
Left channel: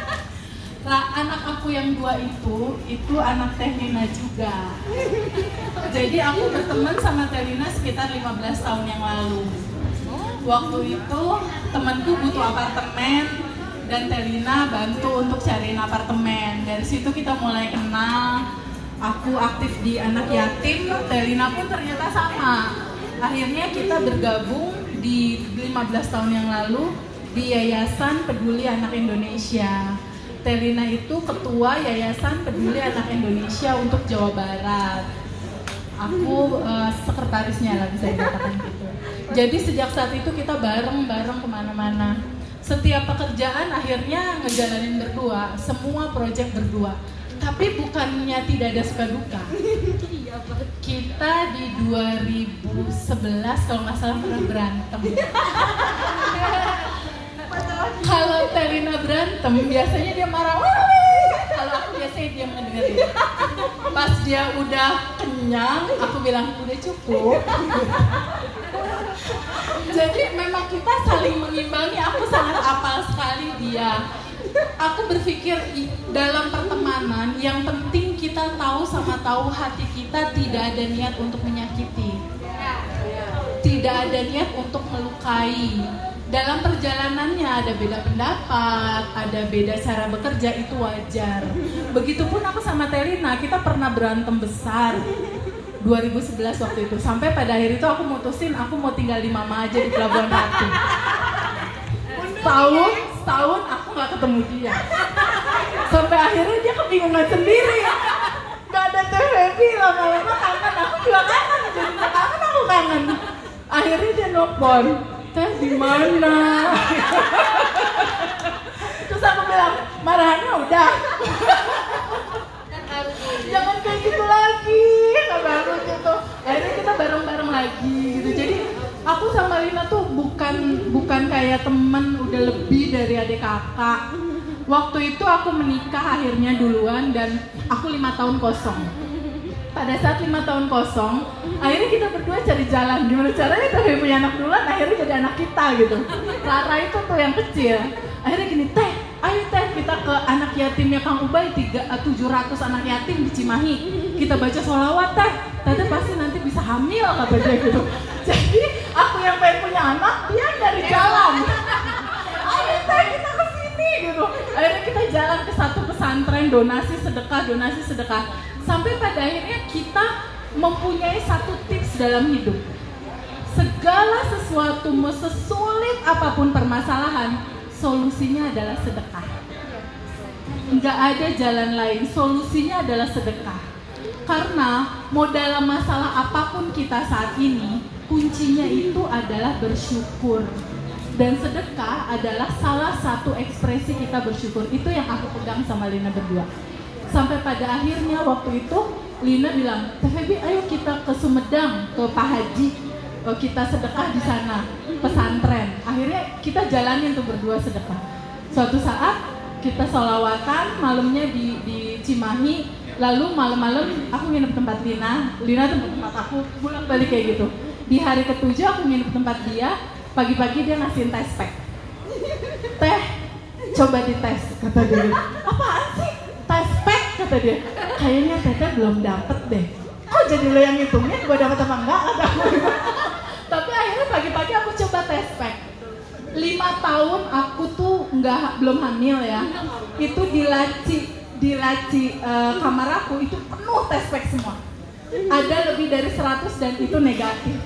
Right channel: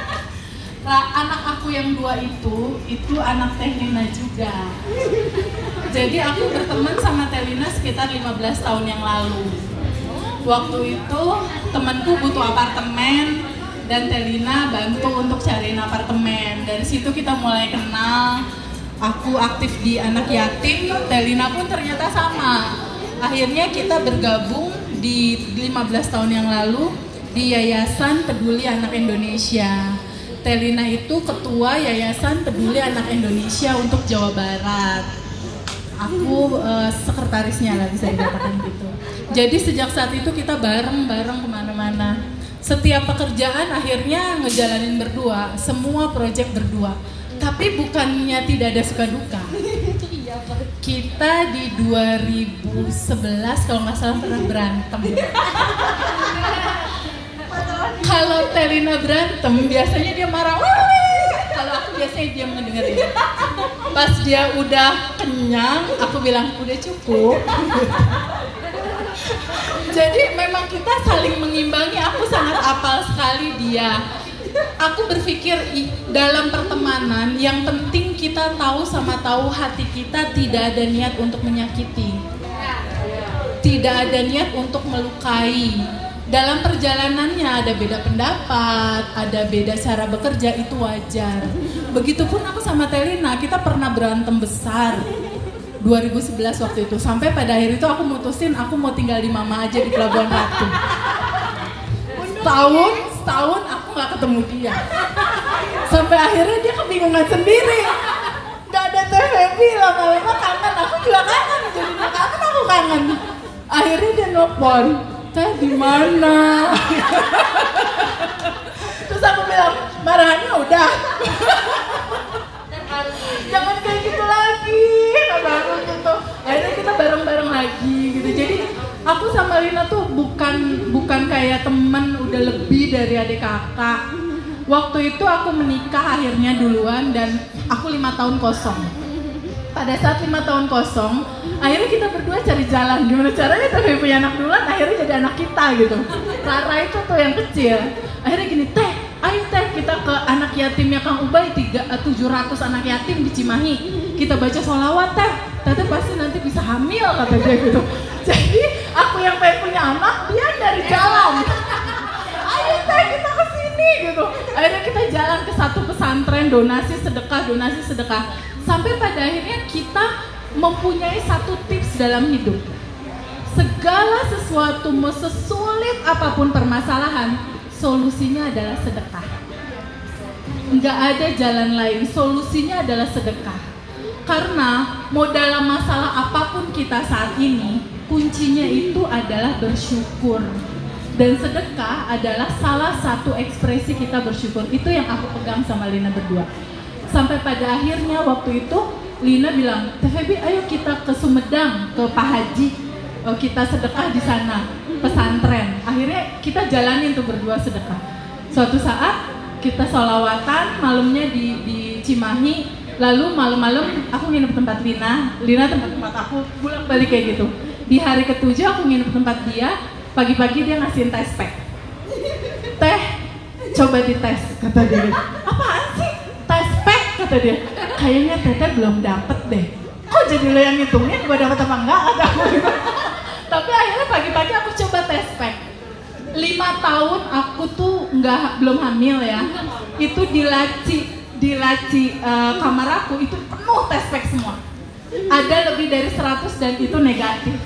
Anak aku yang dua itu anak Teh Lina juga. Jadi aku berteman sama Teh Lina sekitar 15 tahun yang lalu. Waktu itu temanku butuh apartemen dan Teh Lina bantu untuk cariin apartemen. Dari situ kita mulai kenal. Aku aktif di anak yatim, Teh Lina pun ternyata sama. Akhirnya kita bergabung di 15 tahun yang lalu di Yayasan Peduli Anak Indonesia. Teh Lina itu ketua Yayasan Peduli Anak Indonesia untuk Jawa Barat. Aku sekretarisnya lah bisa dikatakan gitu. Jadi sejak saat itu kita bareng-bareng kemana-mana. Setiap pekerjaan akhirnya ngejalanin berdua, semua proyek berdua. Tapi bukannya tidak ada suka duka. Kita di 2011 kalau nggak salah pernah berantem. Kalau Teh Lina berantem biasanya dia marah. Kalau aku biasanya diam ngedengerin. Pas dia udah kenyang, aku bilang udah cukup. Jadi memang kita saling mengimbangi. Aku sangat apal sekali dia. Aku berpikir dalam pertemanan yang penting kita tahu sama tahu hati kita tidak ada niat untuk menyakiti. Tidak ada niat untuk melukai. Dalam perjalanannya ada beda pendapat, ada beda cara bekerja, itu wajar. Begitupun aku sama Teh Lina, kita pernah berantem besar 2011 waktu itu. Sampai pada akhir itu aku mutusin aku mau tinggal di mama aja di Pelabuhan Ratu. Setahun aku gak ketemu dia. Sampai akhirnya dia kebingungan sendiri. Gak ada Teh Febi, lama-lama kangen. Aku juga kangen, jadi aku kangen. Akhirnya dia nelfon, Teh di mana? Terus aku bilang, marahannya udah. Jangan kayak gitu lagi. Baru gitu. Akhirnya kita bareng-bareng lagi gitu. Jadi aku sama Lina tuh bukan kayak temen udah lebih dari adik kakak. Waktu itu aku menikah akhirnya duluan dan aku 5 tahun kosong. Pada saat 5 tahun kosong, akhirnya kita berdua cari jalan. Gimana caranya tapi punya anak duluan, akhirnya jadi anak kita gitu. Rara itu tuh yang kecil. Akhirnya gini, Teh, ayo Teh kita ke anak yatimnya Kang Ubay, 700 anak yatim di Cimahi. Kita baca sholawat Teh. Teh pasti nanti bisa hamil kata dia gitu. Jadi aku yang pengen punya anak, dia dari jalan. Ayo Teh kita kesini gitu. Akhirnya kita jalan ke satu pesantren, donasi sedekah. Sampai pada akhirnya kita mempunyai satu tips dalam hidup. segala sesuatu mau sesulit apapun permasalahan, solusinya adalah sedekah. Nggak ada jalan lain, solusinya adalah sedekah. Karena mau dalam masalah apapun kita saat ini, kuncinya itu adalah bersyukur. Dan sedekah adalah salah satu ekspresi kita bersyukur. Itu yang aku pegang sama Lina berdua. Sampai pada akhirnya waktu itu Lina bilang, Teh Febi, ayo kita ke Sumedang, ke Pak Haji, kita sedekah di sana, pesantren. Akhirnya kita jalanin tuh berdua sedekah. Suatu saat kita sholawatan, malamnya di Cimahi. Lalu malam-malam aku nginep tempat Lina tempat aku, pulang balik kayak gitu. Di hari ke-7 aku nginep tempat dia. Pagi-pagi dia ngasihin tes pack. Teh, coba dites, kata dia. Apaan sih? Tes pack, kata dia. Kayaknya Teteh belum dapet deh. Kok jadi lo yang ngitungin gue dapet apa enggak? Tapi akhirnya pagi-pagi aku coba tes pack. 5 tahun aku tuh belum hamil ya. Itu di laci kamar aku itu penuh tes pack semua. Ada lebih dari 100 dan itu negatif.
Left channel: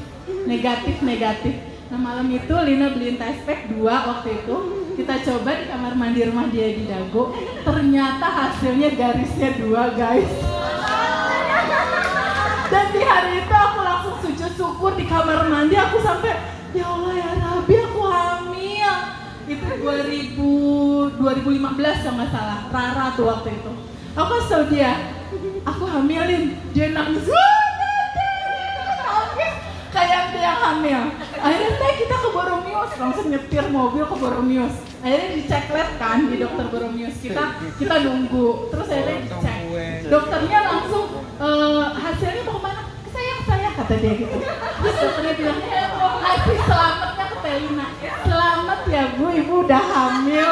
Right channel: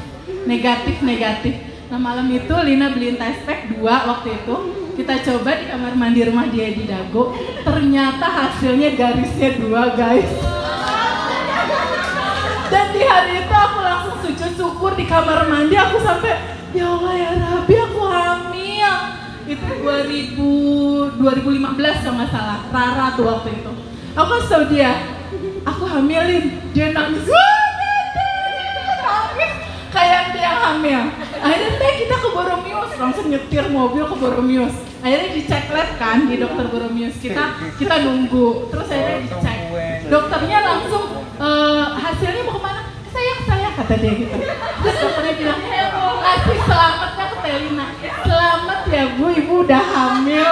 Nah malam itu Lina beliin tes pack 2 waktu itu. Kita coba di kamar mandi rumah dia di Dago. Ternyata hasilnya garisnya 2 guys. Dan di hari itu aku langsung sujud syukur di kamar mandi. Aku sampai, ya Allah ya Rabbi aku hamil. Itu 2015 kalau nggak salah. Rara tuh waktu itu. Aku kasih tau dia, aku hamilin. Dia nangis. Kayak dia yang hamil. Akhirnya Teh kita ke Boromius, langsung nyetir mobil ke Boromius. Akhirnya dicek lab kan di dokter Boromius. Kita nunggu. Terus akhirnya dicek. Dokternya langsung hasilnya mau kemana? Ke saya kata dia gitu. Terus dokternya bilang, kasih selamatnya ke Telina. Selamat ya Bu, Ibu udah hamil.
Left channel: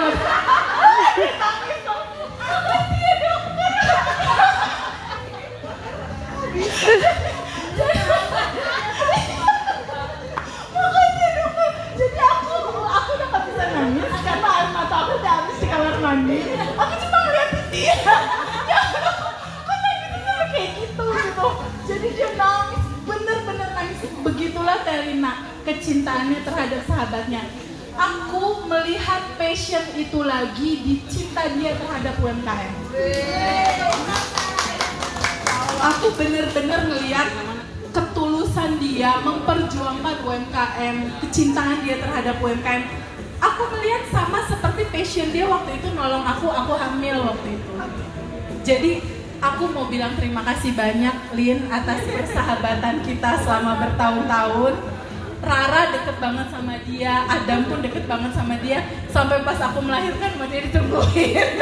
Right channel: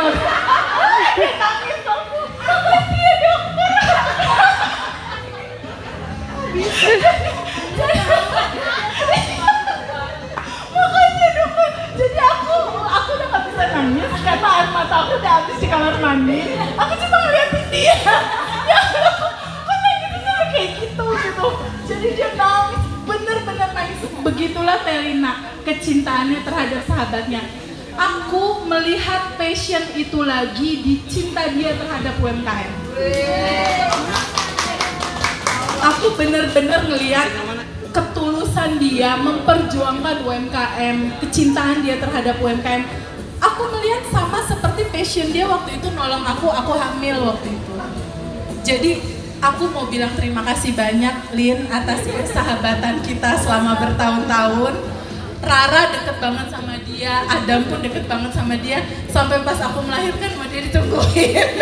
Nangis aku. Makasih ya dokter. Jadi aku udah gak bisa nangis karena air mata aku udah habis di kamar mandi. Aku cuma ngeliatin dia. Ya kok gitu sampai kayak gitu. Jadi dia nangis, bener-bener nangis. Begitulah Telina kecintaannya terhadap sahabatnya. Aku melihat passion itu lagi di cinta dia terhadap UMKM. Aku bener-bener ngelihat ketulusan dia memperjuangkan UMKM, kecintaan dia terhadap UMKM. Aku ngelihat sama seperti passion dia waktu itu nolong aku hamil waktu itu. Jadi aku mau bilang terima kasih banyak Lin atas persahabatan kita selama bertahun-tahun. Rara deket banget sama dia, Adam pun deket banget sama dia. Sampai pas aku melahirkan sama dia ditungguin.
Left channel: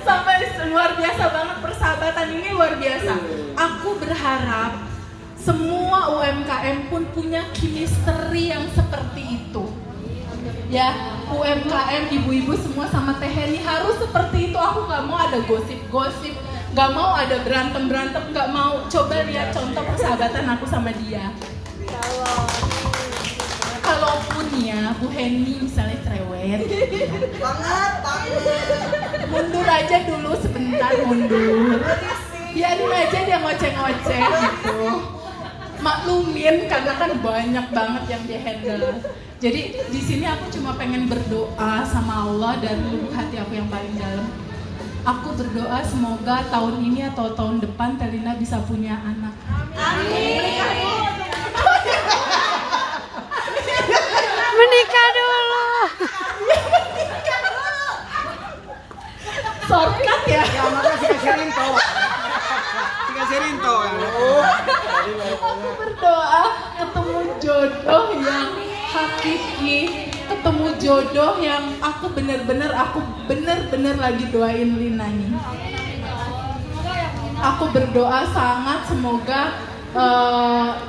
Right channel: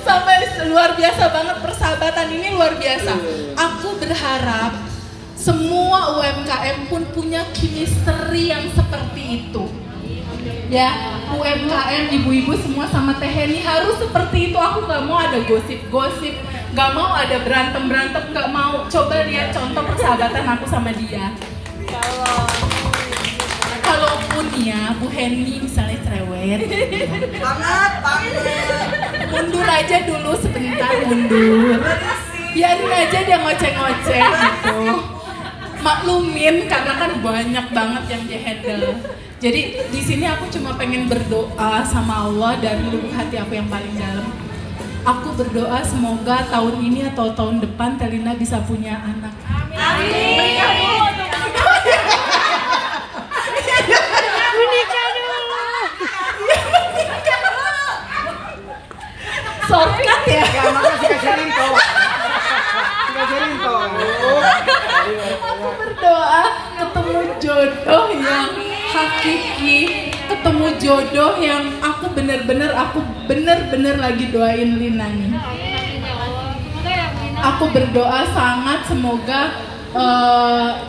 Sampai luar biasa banget persahabatan ini, luar biasa. Aku berharap semua UMKM pun punya chemistry yang seperti itu. Ya, UMKM ibu-ibu semua sama Teh Heni harus seperti itu. Aku gak mau ada gosip-gosip, gak mau ada berantem-berantem, gak mau. Coba lihat contoh persahabatan aku sama dia. Kalaupun ya Bu Heni misalnya cerewet banget. Mundur aja dulu sebentar, mundur. Biarin aja dia ngoceh-ngoceh gitu. Maklumin karena kan banyak banget yang dia handle. Jadi di sini aku cuma pengen berdoa sama Allah dari lubuk hati aku yang paling dalam. Aku berdoa semoga tahun ini atau tahun depan Telina bisa punya anak. Amin. Menikah dulu. Shortcut ya. Ya makasih kasih Rinto. Aku berdoa ketemu jodoh yang hakiki, ketemu jodoh yang aku bener-bener lagi doain Lina nih. Aku berdoa sangat semoga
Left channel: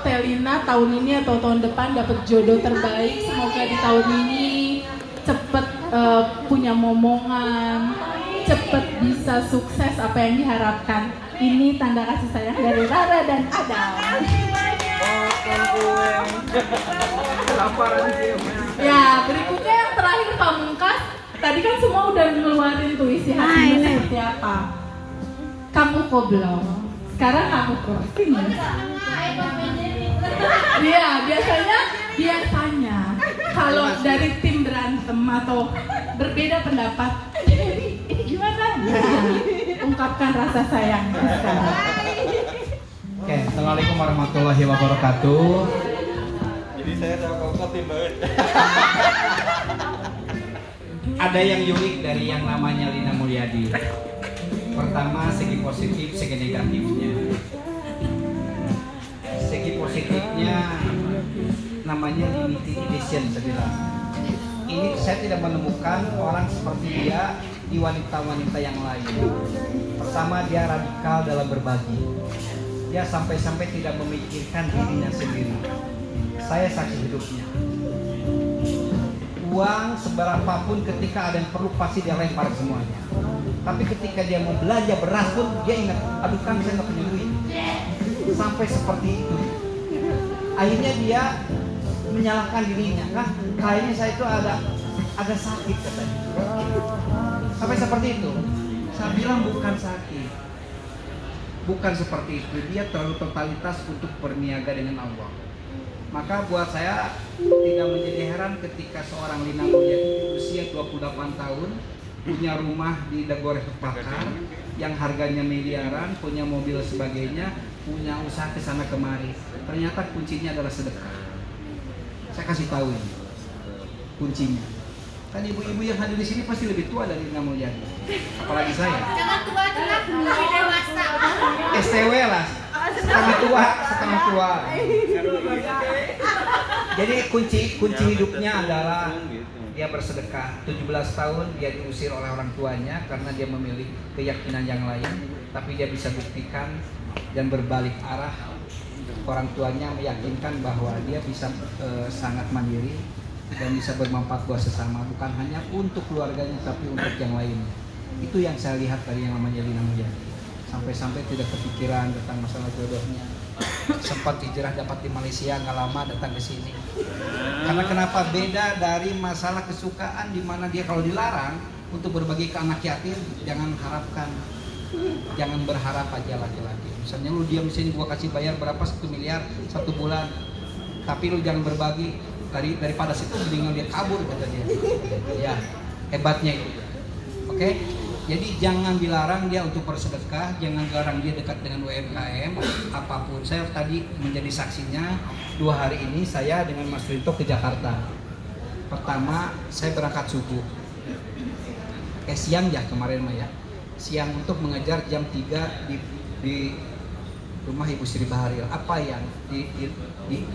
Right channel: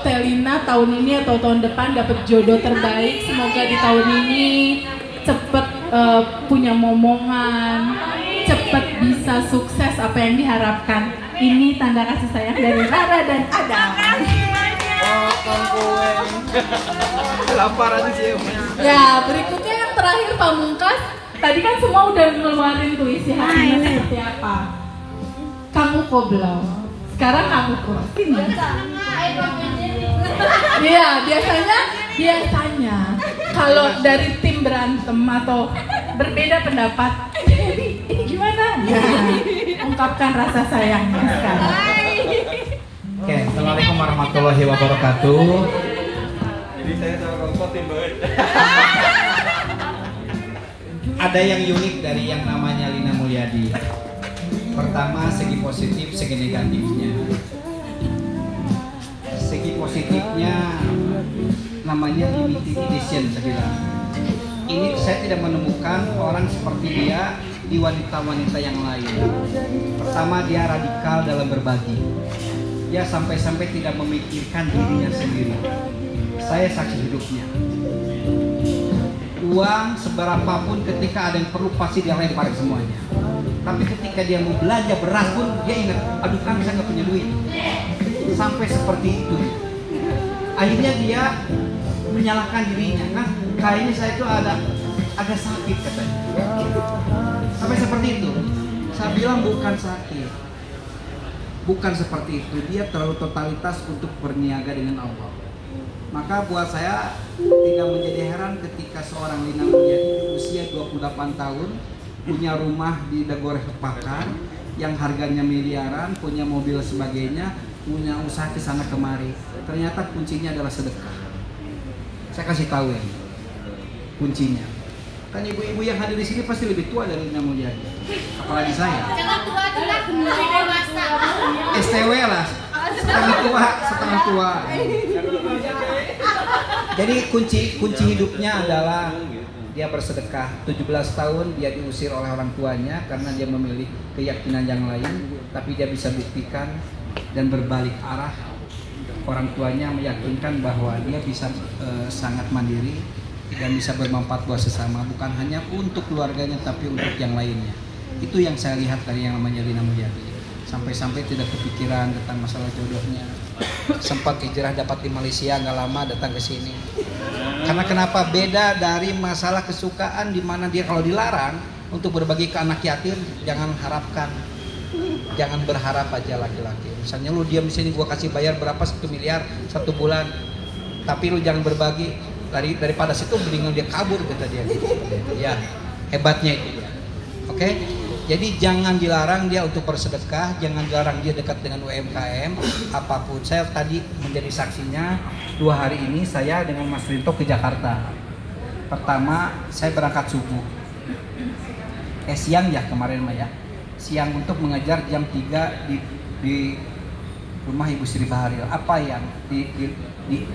Telina tahun ini atau tahun depan dapat jodoh terbaik. Semoga di tahun ini cepet punya momongan, cepet bisa sukses apa yang diharapkan. Ini tanda kasih sayang dari Rara dan Adam. Laparan sih. Ya, berikutnya yang terakhir Pamungkas. Tadi kan semua udah ngeluarin tuh isi hatinya seperti apa. Kamu koblong. Sekarang kamu crossing. Iya, biasanya kalau dari tim berantem atau berbeda pendapat, ini gimana? Ya, ungkapkan rasa sayang sekarang. Oke, assalamualaikum warahmatullahi wabarakatuh. Jadi saya sama Koko tim banget. Ada yang unik dari yang namanya Lina Mulyadi. Pertama, segi positif, segi negatifnya. Segi positifnya namanya limited edition, saya bilang. Ini saya tidak menemukan orang seperti dia di wanita-wanita yang lain. Pertama, dia radikal dalam berbagi. Dia sampai-sampai tidak memikirkan dirinya sendiri. Saya saksi hidupnya. Uang seberapapun ketika ada yang perlu pasti dia lempar semuanya. Tapi ketika dia mau belanja beras pun dia ingat, aduh kan saya nggak punya duit. Sampai seperti itu. Akhirnya dia menyalahkan dirinya, kan kayaknya saya itu ada sakit katanya. Sampai seperti itu. Saya bilang bukan sakit. Bukan seperti itu. Dia terlalu totalitas untuk berniaga dengan Allah. Maka buat saya tidak menjadi heran ketika seorang Lina Mulyadi di usia 28 tahun punya rumah di Dago Bakar yang harganya miliaran, punya mobil sebagainya, punya usaha ke sana kemari. Ternyata kuncinya adalah sedekah. Saya kasih tahu ya, kuncinya. Kan ibu-ibu yang hadir di sini pasti lebih tua dari Lina Mulyadi, apalagi saya. Jangan tua juga, lebih dewasa. STW lah, setengah tua. Jadi kunci hidupnya adalah dia bersedekah. 17 tahun dia diusir oleh orang tuanya karena dia memilih keyakinan yang lain, tapi dia bisa buktikan dan berbalik arah. Orang tuanya meyakinkan bahwa dia bisa sangat mandiri dan bisa bermanfaat buat sesama, bukan hanya untuk keluarganya tapi untuk yang lainnya. Itu yang saya lihat dari yang namanya Lina Mulyadi. Sampai-sampai tidak kepikiran tentang masalah jodohnya. Sempat hijrah dapat di Malaysia, nggak lama datang ke sini. Karena kenapa? Beda dari masalah kesukaan di mana dia kalau dilarang untuk berbagi ke anak yatim, jangan harapkan. Jangan berharap aja laki-laki. Misalnya lu diam di sini, gua kasih bayar berapa 1 miliar 1 bulan. Tapi lu jangan berbagi, daripada situ mendingan dia kabur kata dia. Ya, hebatnya itu. Oke? Jadi jangan dilarang dia untuk bersedekah, jangan dilarang dia dekat dengan UMKM apapun. Saya tadi menjadi saksinya 2 hari ini saya dengan Mas Rinto ke Jakarta. Pertama saya berangkat subuh, siang ya kemarin Maya, siang untuk mengajar jam 3 di rumah Ibu Sri Baharil. Apa yang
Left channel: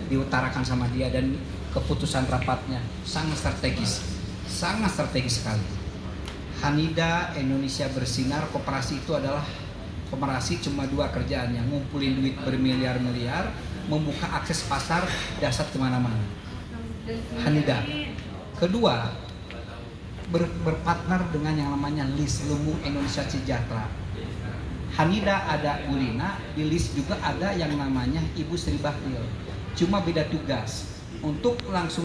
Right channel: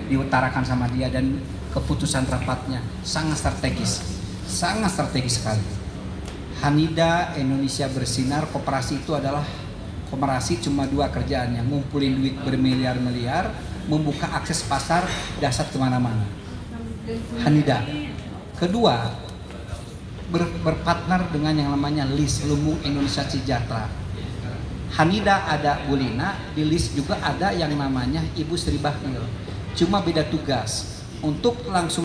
diutarakan sama dia dan keputusan rapatnya sangat strategis sekali. Hanida Indonesia Bersinar, koperasi itu adalah koperasi cuma 2 kerjaannya, ngumpulin duit bermiliar-miliar, membuka akses pasar dasar kemana-mana. Hanida. Kedua, berpartner dengan yang namanya LIS, Lumu Indonesia Sejahtera. Hanida ada Bu Lina, di LIS juga ada yang namanya Ibu Sri Baharil. Cuma beda tugas untuk langsung